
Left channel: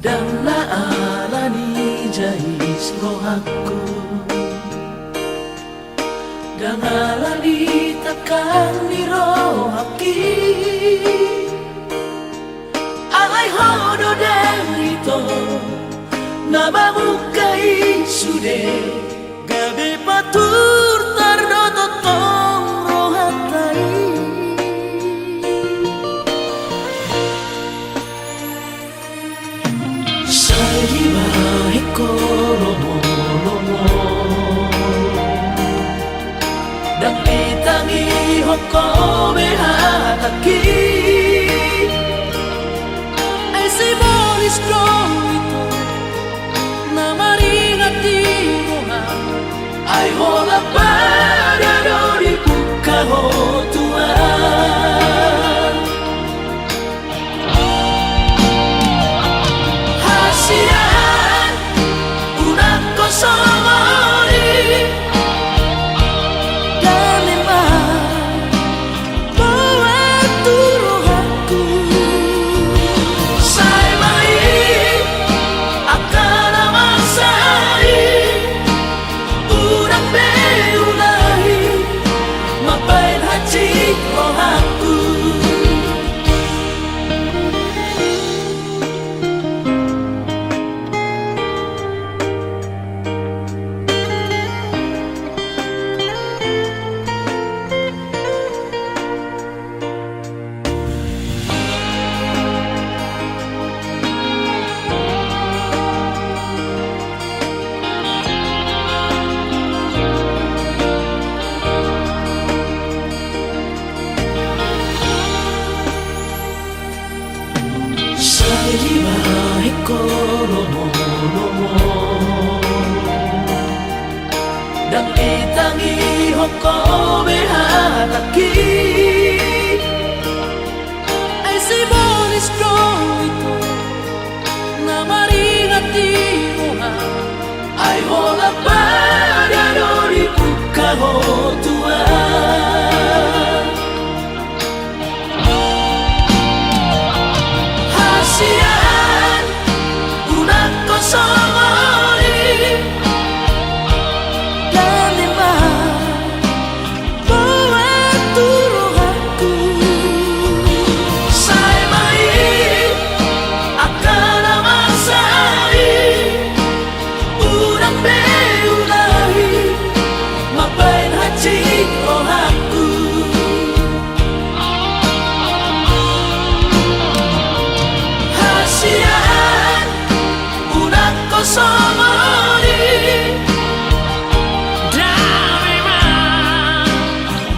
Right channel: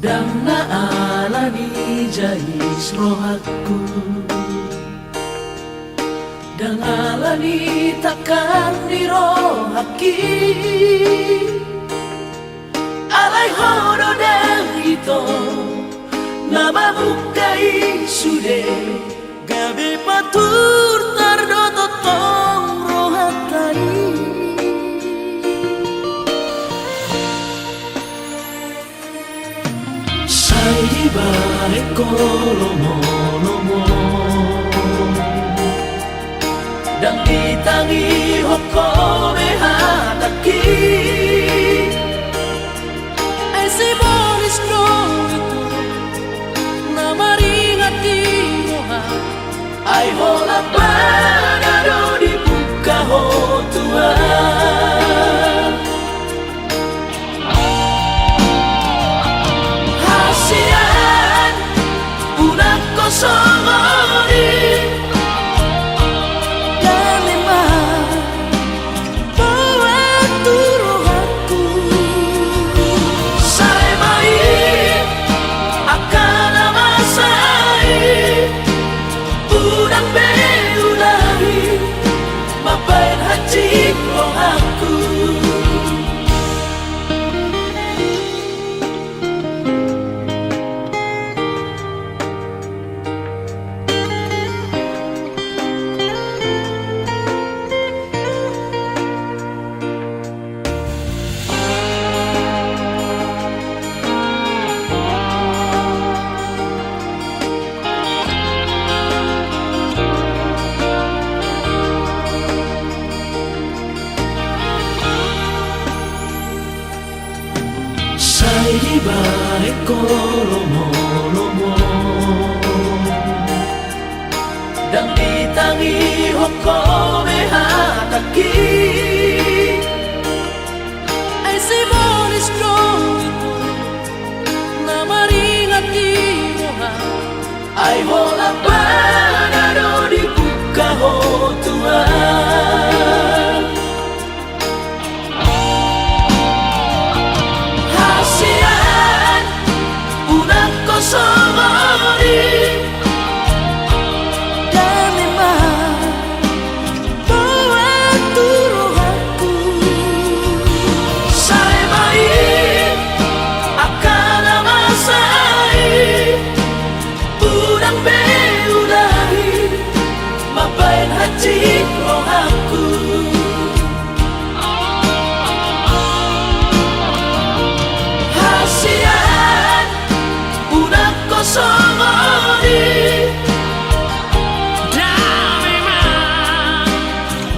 Dan alani jahis rohaku Dan alani takkan dirohaki Alai hodo dan ito Nabamukai sude Gabi patur tardoto tong rohatai Saiba ekolomo Dan ditangi hoko behataki manis dong itu na maringati roha Ay hola parado di buka ho Tuhan Hasian unak kosongori Dan memang bawa turuhanku Saya main akan amasai Urang beulahi mapain hati rohaku Saya baik kolomo-lomo Dan ditangi hoko behataki ay si manis dong itu na maringati roha Ay hola parado di buka ho Tuhan Hasian unak kosongori Dan memang bawa turuhanku Saya main akan amasai Urang beulahi mapain hati rohaku Hasian unak kosongori dan memang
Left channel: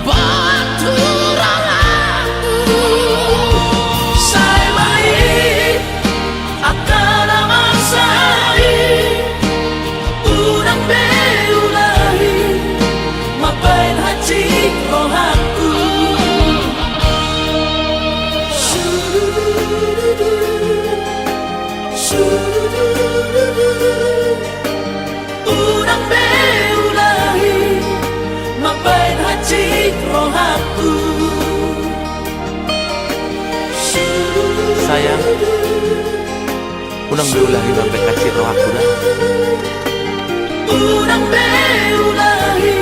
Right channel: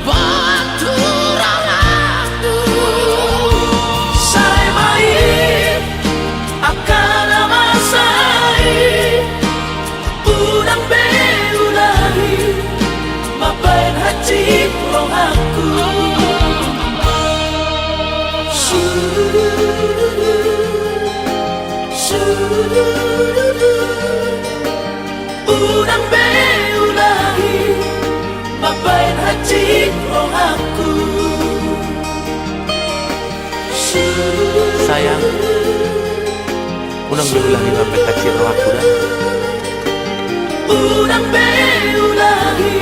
bawa turuhanku Saya main akan amasai Urang beulahi mapain hati rohaku Urang beulahi mapain hati rohaku Sayang, unang beulahi sampai kacir roh aku dah. Urang beulahi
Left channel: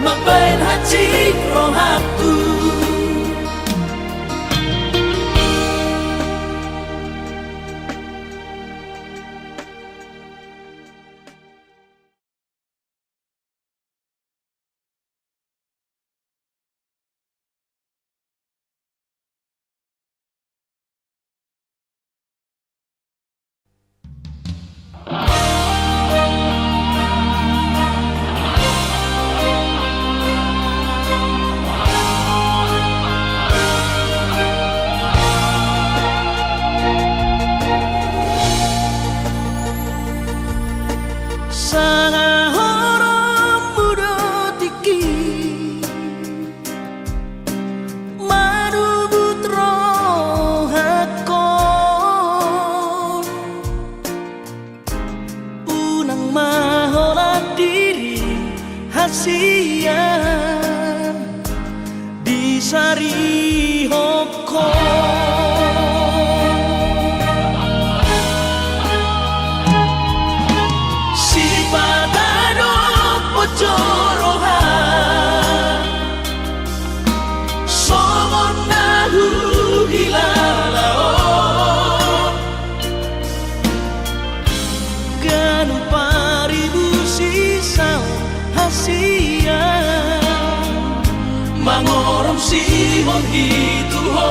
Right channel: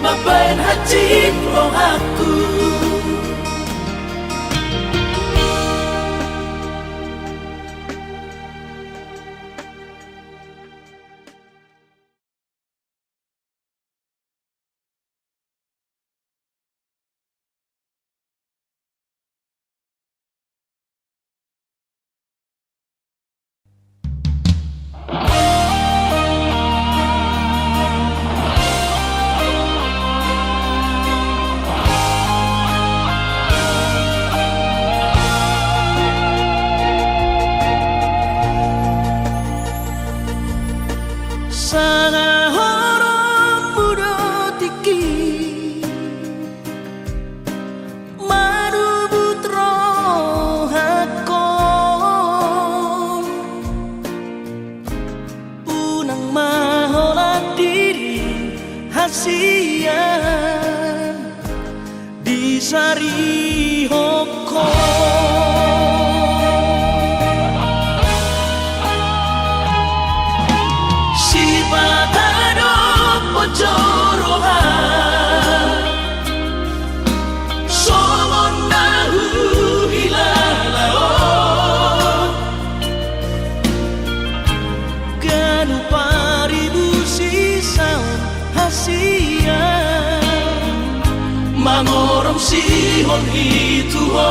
mapain hati rohaku Sana horop mudo tiki Madu butro hakon Unang mahola diri hasian Di sari hokon Mangorong sihon itu ho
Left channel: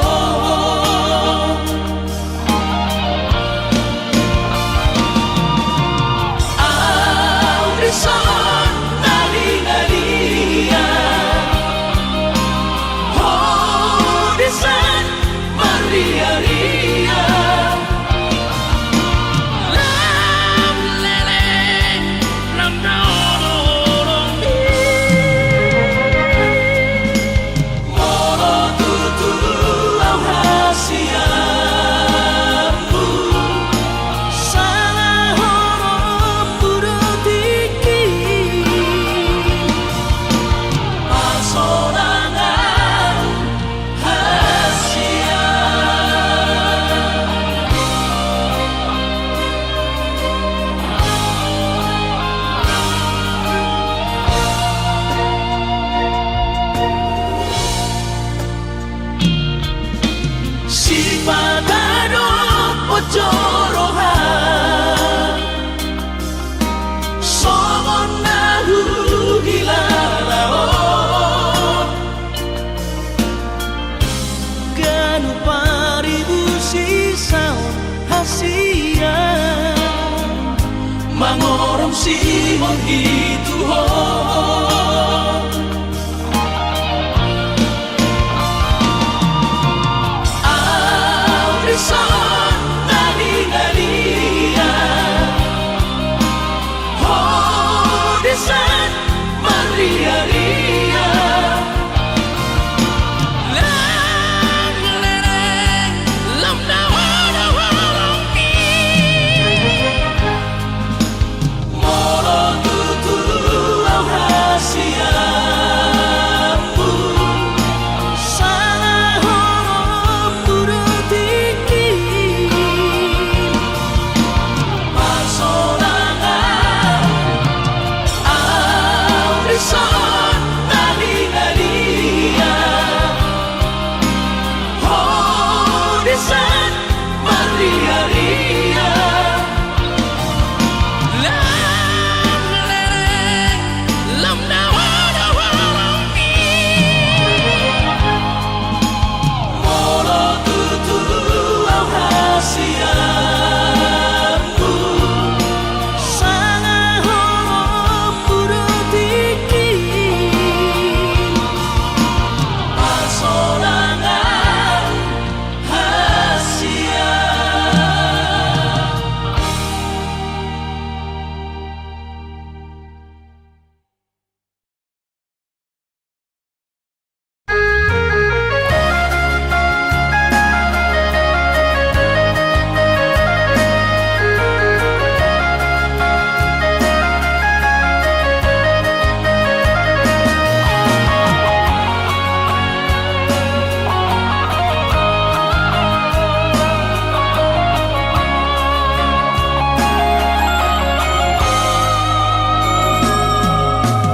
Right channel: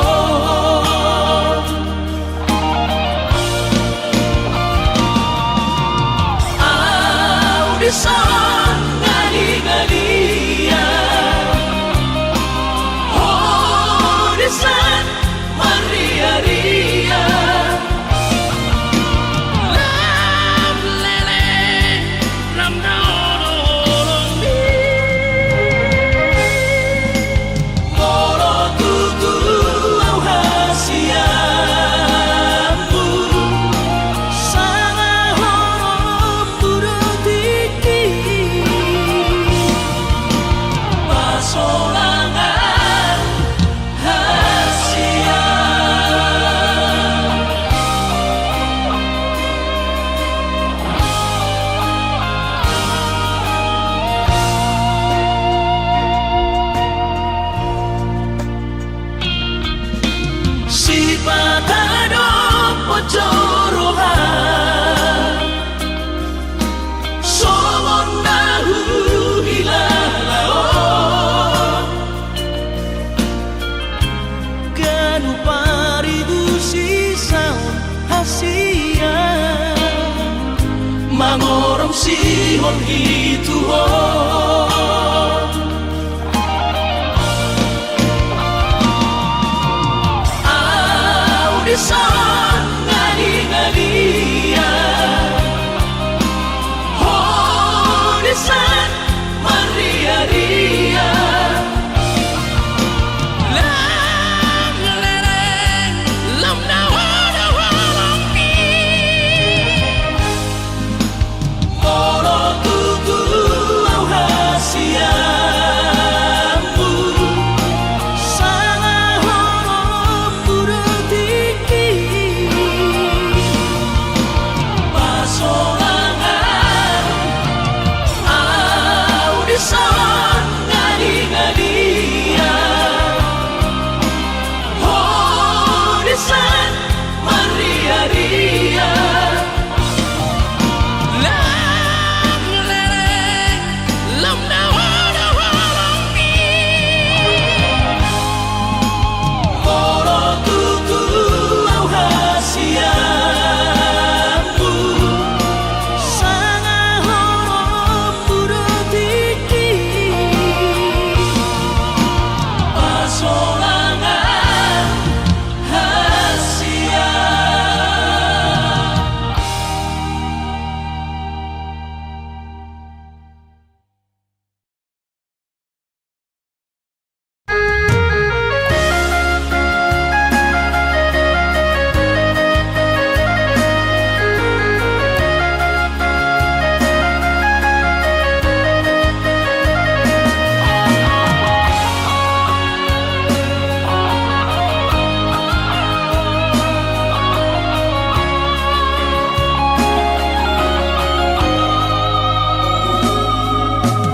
Audesan nali-nalia Audesan maria-ria sifat adop pocorohan somon nahu hilalao Ganu paribu sisaon hasian mangorong sihon hituhon Audisan ngali-ngalia Audisan maria-ria Lang lereng lam nawa-nawa pi Moro tutulu au hasiamu Sanga horom burutiki Pasolangan Audisan ngali-ngalia Audisan maria-ria Lang lereng lam nawa-nawa pi Moro tutulu au hasiamu Sanga horom burutiki Pasolangan hasia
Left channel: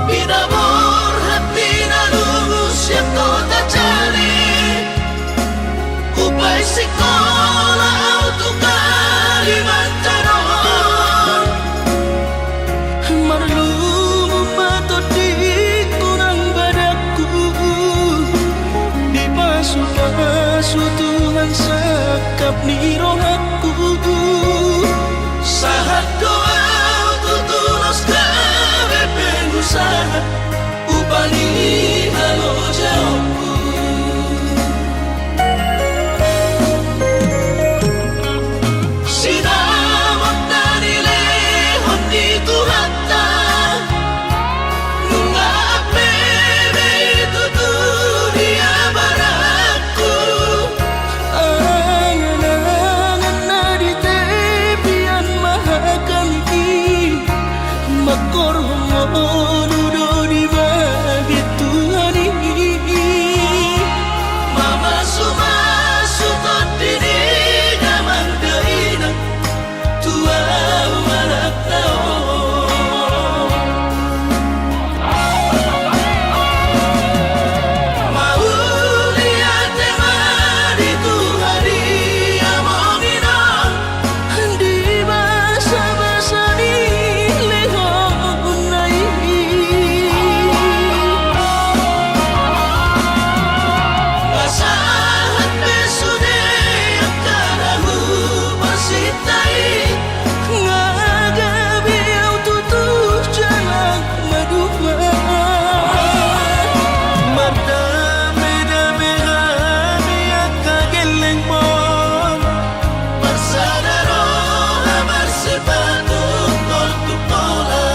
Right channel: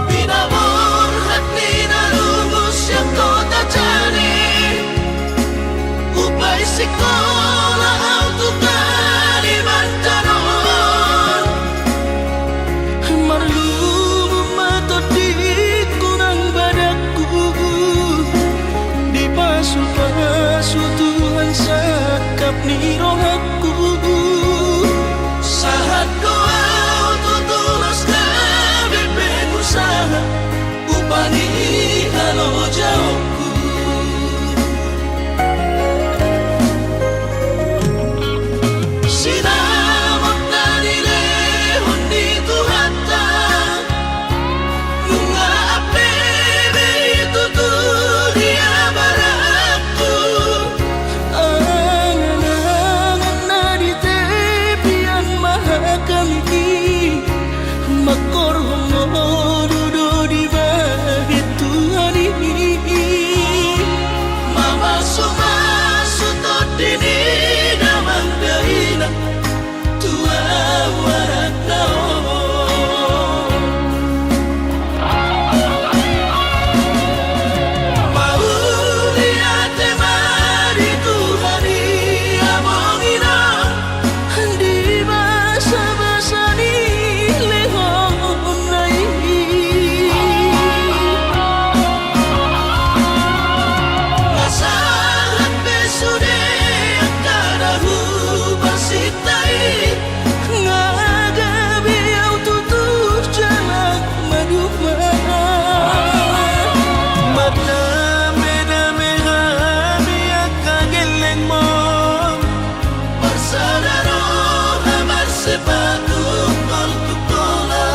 Pinabor at pinalubos yang kota jali Upay sikola auto Kalimantanon Marlumu matodik kurang badaku Di pasu-pasu Tuhan sakap ni rohaku Sahat doa tutulos kami pengusaha Upangi halo jawabku Sinamot na nilehon dito hata Nunga apebe ito dunia barakku Angan-angan na di tepian mahakami Makorhongo dudo di bahit Tuhan ini Mama sumasutod dini damang dahinan Tua warak naon Mauli ate mari Tuhari amongina Di basa-basa ni lehon na Masahat besude ang kanahu pasitai Ngagabi au tutuh jalan maduma Mardame-dame kami akageleng mon Barsadaro hamar sepatu tol-tutola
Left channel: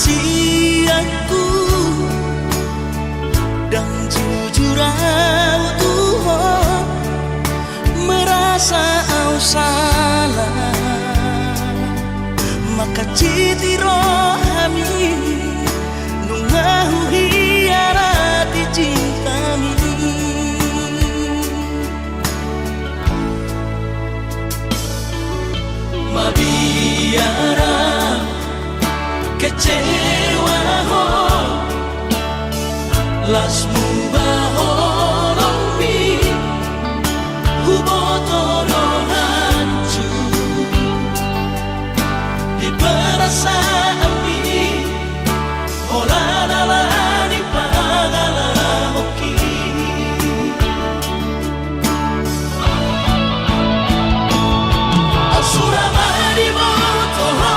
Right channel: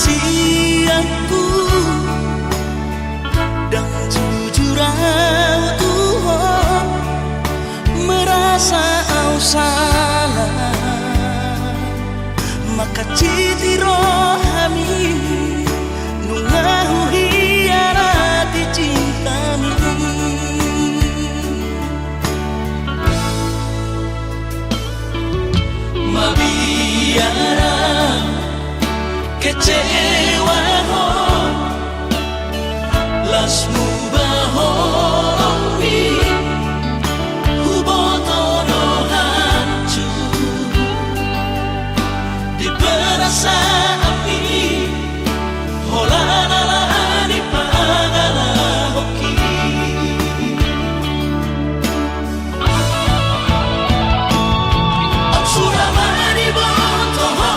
siaku dan jujur au Tuhan merasa au salah maka citi rohami nungahu hiarati cintami mabiara kecewa ho lasmu bahorongmi hubotono hancur di perasaan holanalani pangala hoki absuramani botoho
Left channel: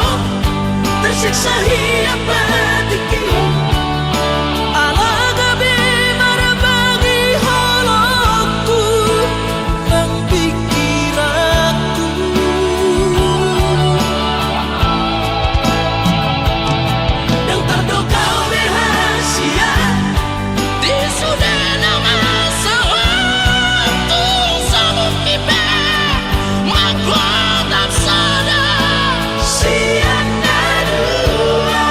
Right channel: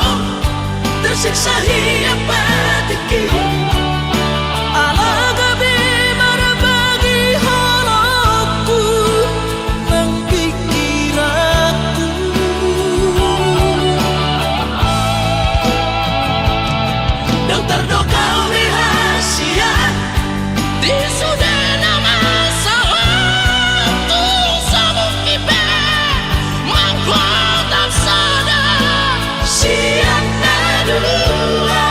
tersiksa hiap batiki alagabi marabagi halaku nang pikiranku yang terdoka rahasia di sudah nama sawatu sabuk kipe mangkuat sadar siang nadua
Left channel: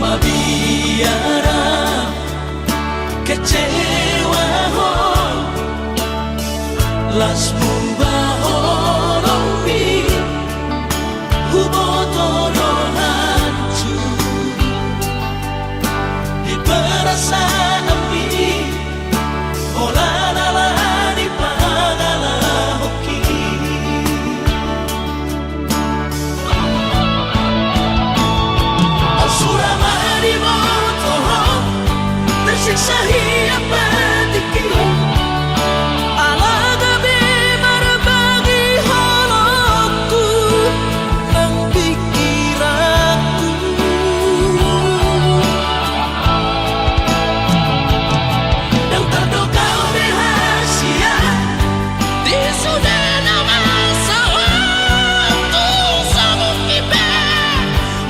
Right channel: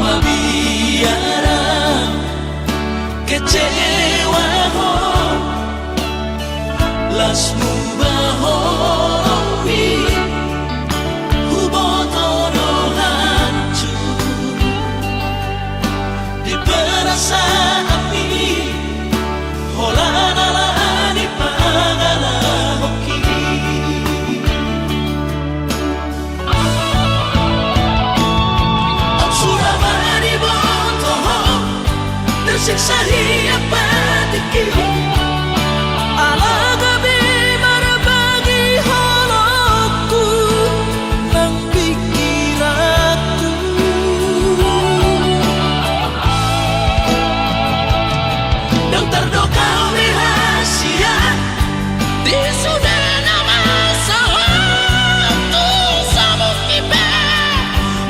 mabiara kecewa ho lasmu bahorongmi hubotono hancur di perasaan holanalani pangala hoki absuramani botoho tersiksa hiap batiki alagabi marabagi halaku nang pikiranku yang terdoka rahasia di sudah nama sawatu sabuk kipe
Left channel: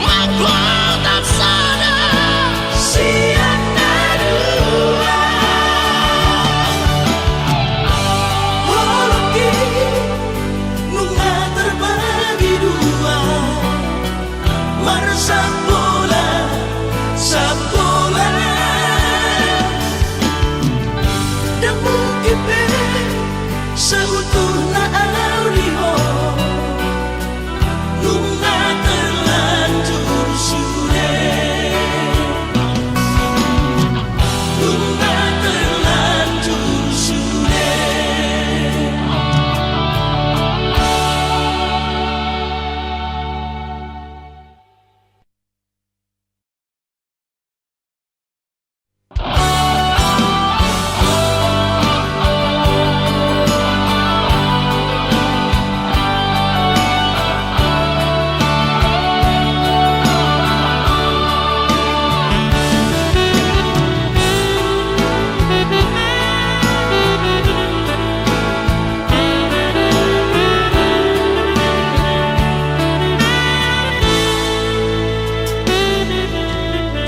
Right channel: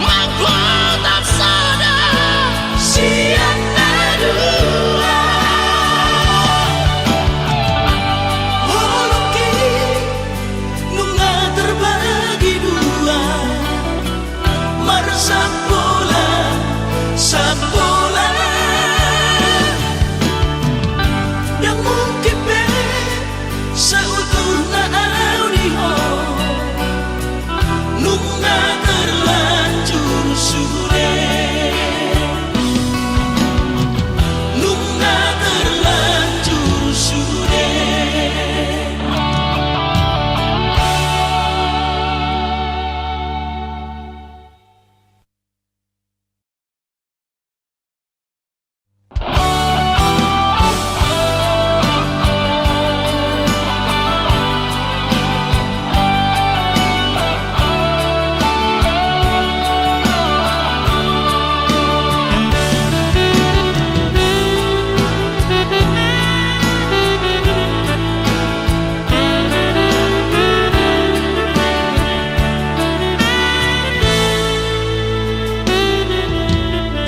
mangkuat sadar siang nadua holoki nunga terbagi dua marsapola sapola dan mungkin seutuhnya audio nunga terlanjur sudah nunga terlanjur sudah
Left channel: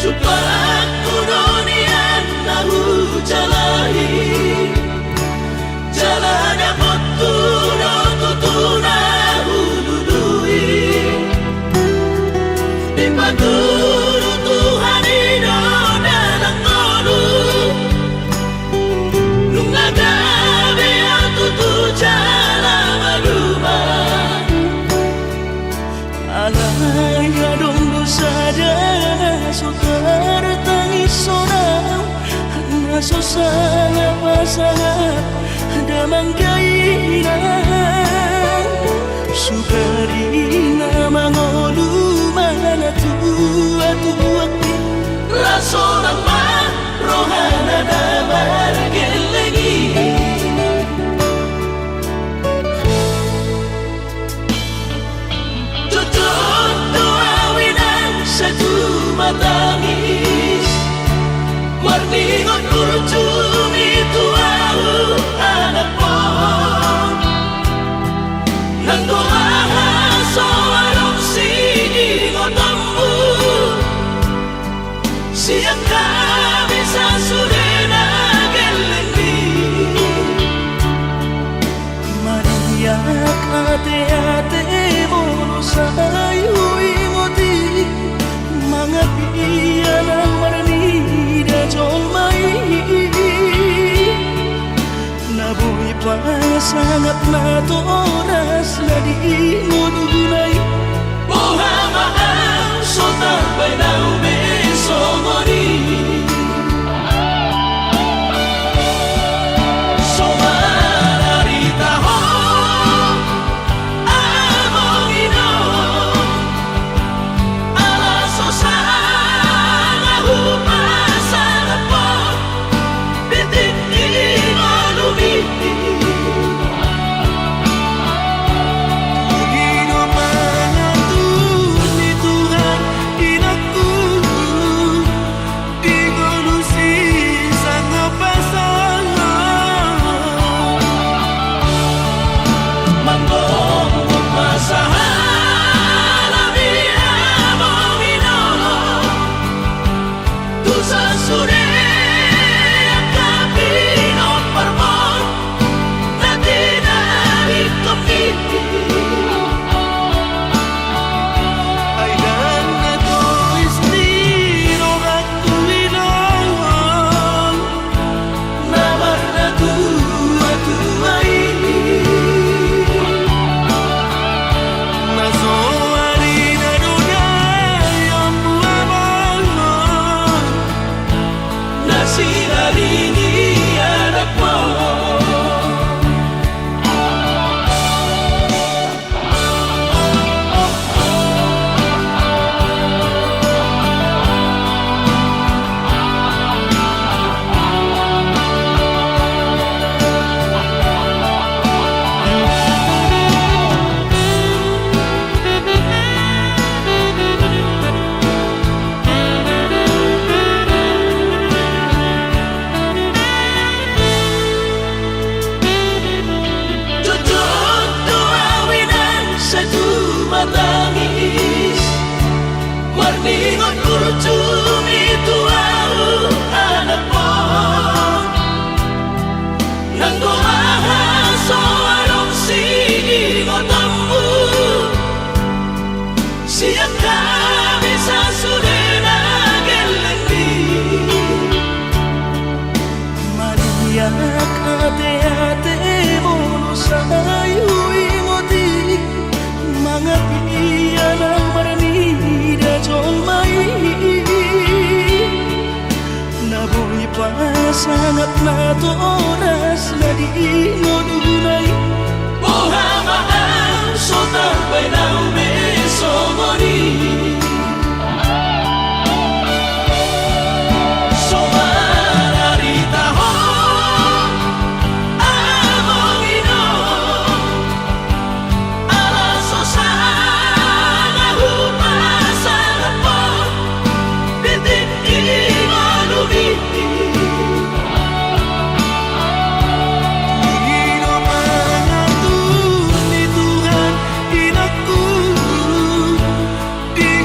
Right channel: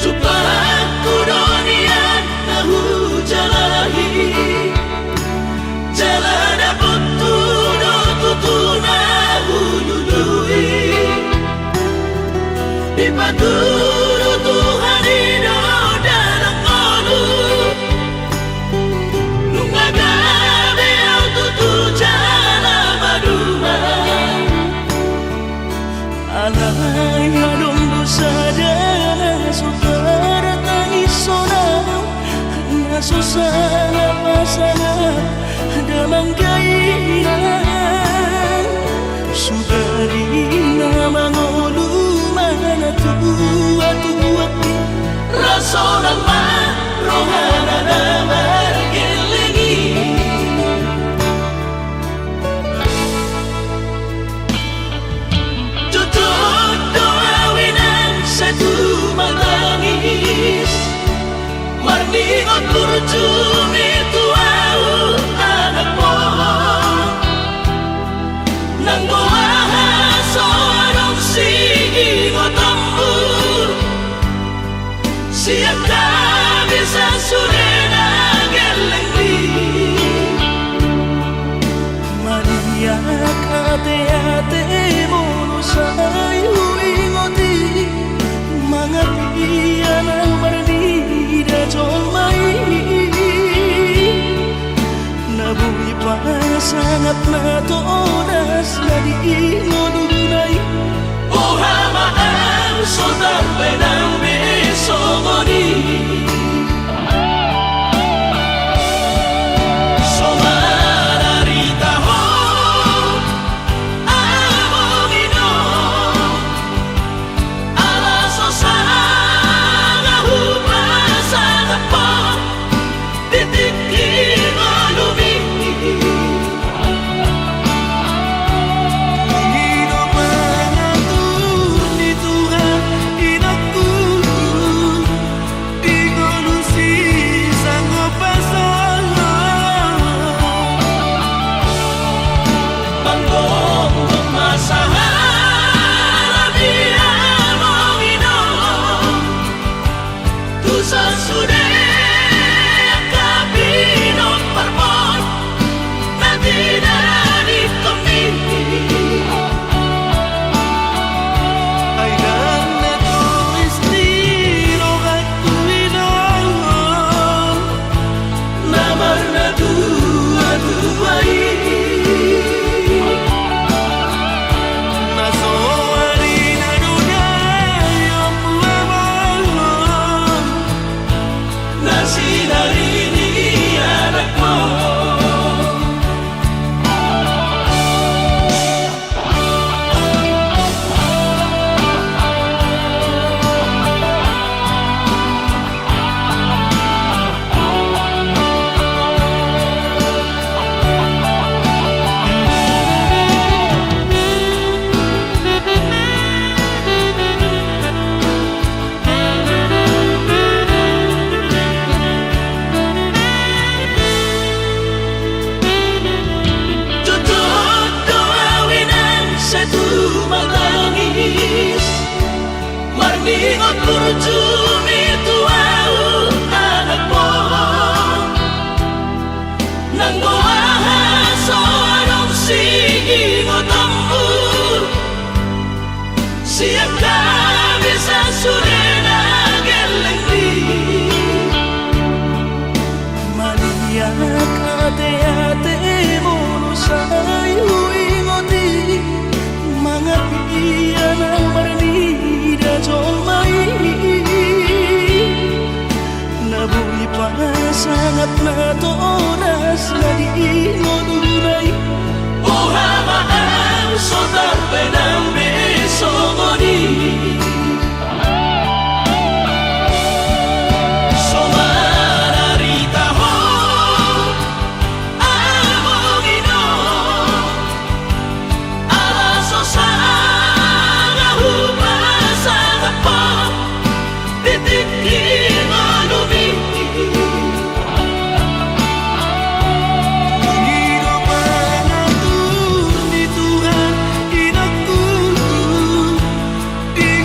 Coba aku dunia nahu jalahi jalan dapat tutu nahu dudui di paturu Tuhan ino dalam kodu nunga gabe au tutu jalan baduma alay adong dosa dana so tertangis sonau naso sangap pasangap damang kainan sukarina mangolu mana tua-tua Raso ng marohana na margelengi Tutok doawinan sa tumatangis Marningot kurjumi tuau anak mo Nang goahaso anong singingot ambu Siya kami sa surena gelengdi Maniyak ate-ate mo no sa ingoti Mga piyan ang maranida jol mai Nabuhi pa sangat na to oras na di ngununay Buhama ang sotar bay ng besongoni Somararita ho among ino Alaso sa ngahupa sa kapag Bitik inolumi Pangino mangatur ni Tuhan inakku Di ngolusi sanggup pasangan Manggong masahala among ino Tu sa sude kapino parmon Na tinanip kami Ay dan na to istiro aku ilang Namar na tua-tuai Naso harina dunay ang buwabang Na sinarini anak mo Tutok doawinan sa tumatangis Marningot kurjumi tuau anak mo Nang goahaso anong singingot ambu Siya kami sa surena gelengdi Maniyak ate-ate mo no sa ingoti Mga piyan ang maranida jol mai Nabuhi pa sangat na to oras na di ngununay Buhama ang sotar bay ng besongoni Somararita ho among ino Alaso sa ngahupa sa kapag Bitik inolumi Pangino mangatur ni Tuhan inakku Di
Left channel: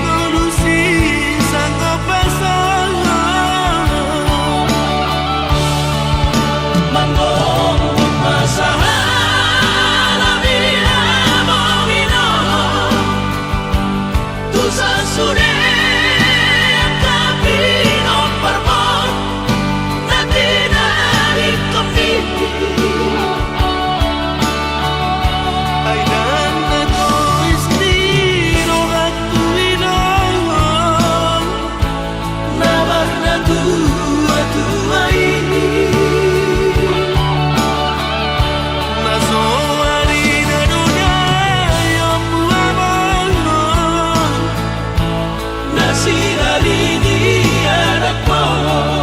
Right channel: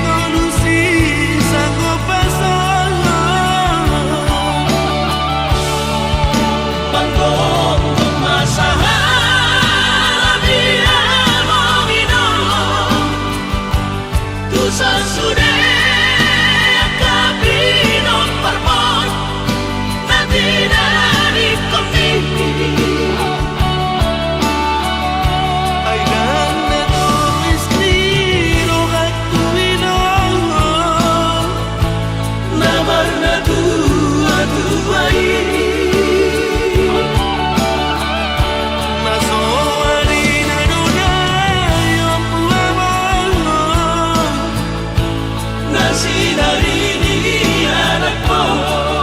kasih hari ini anak mo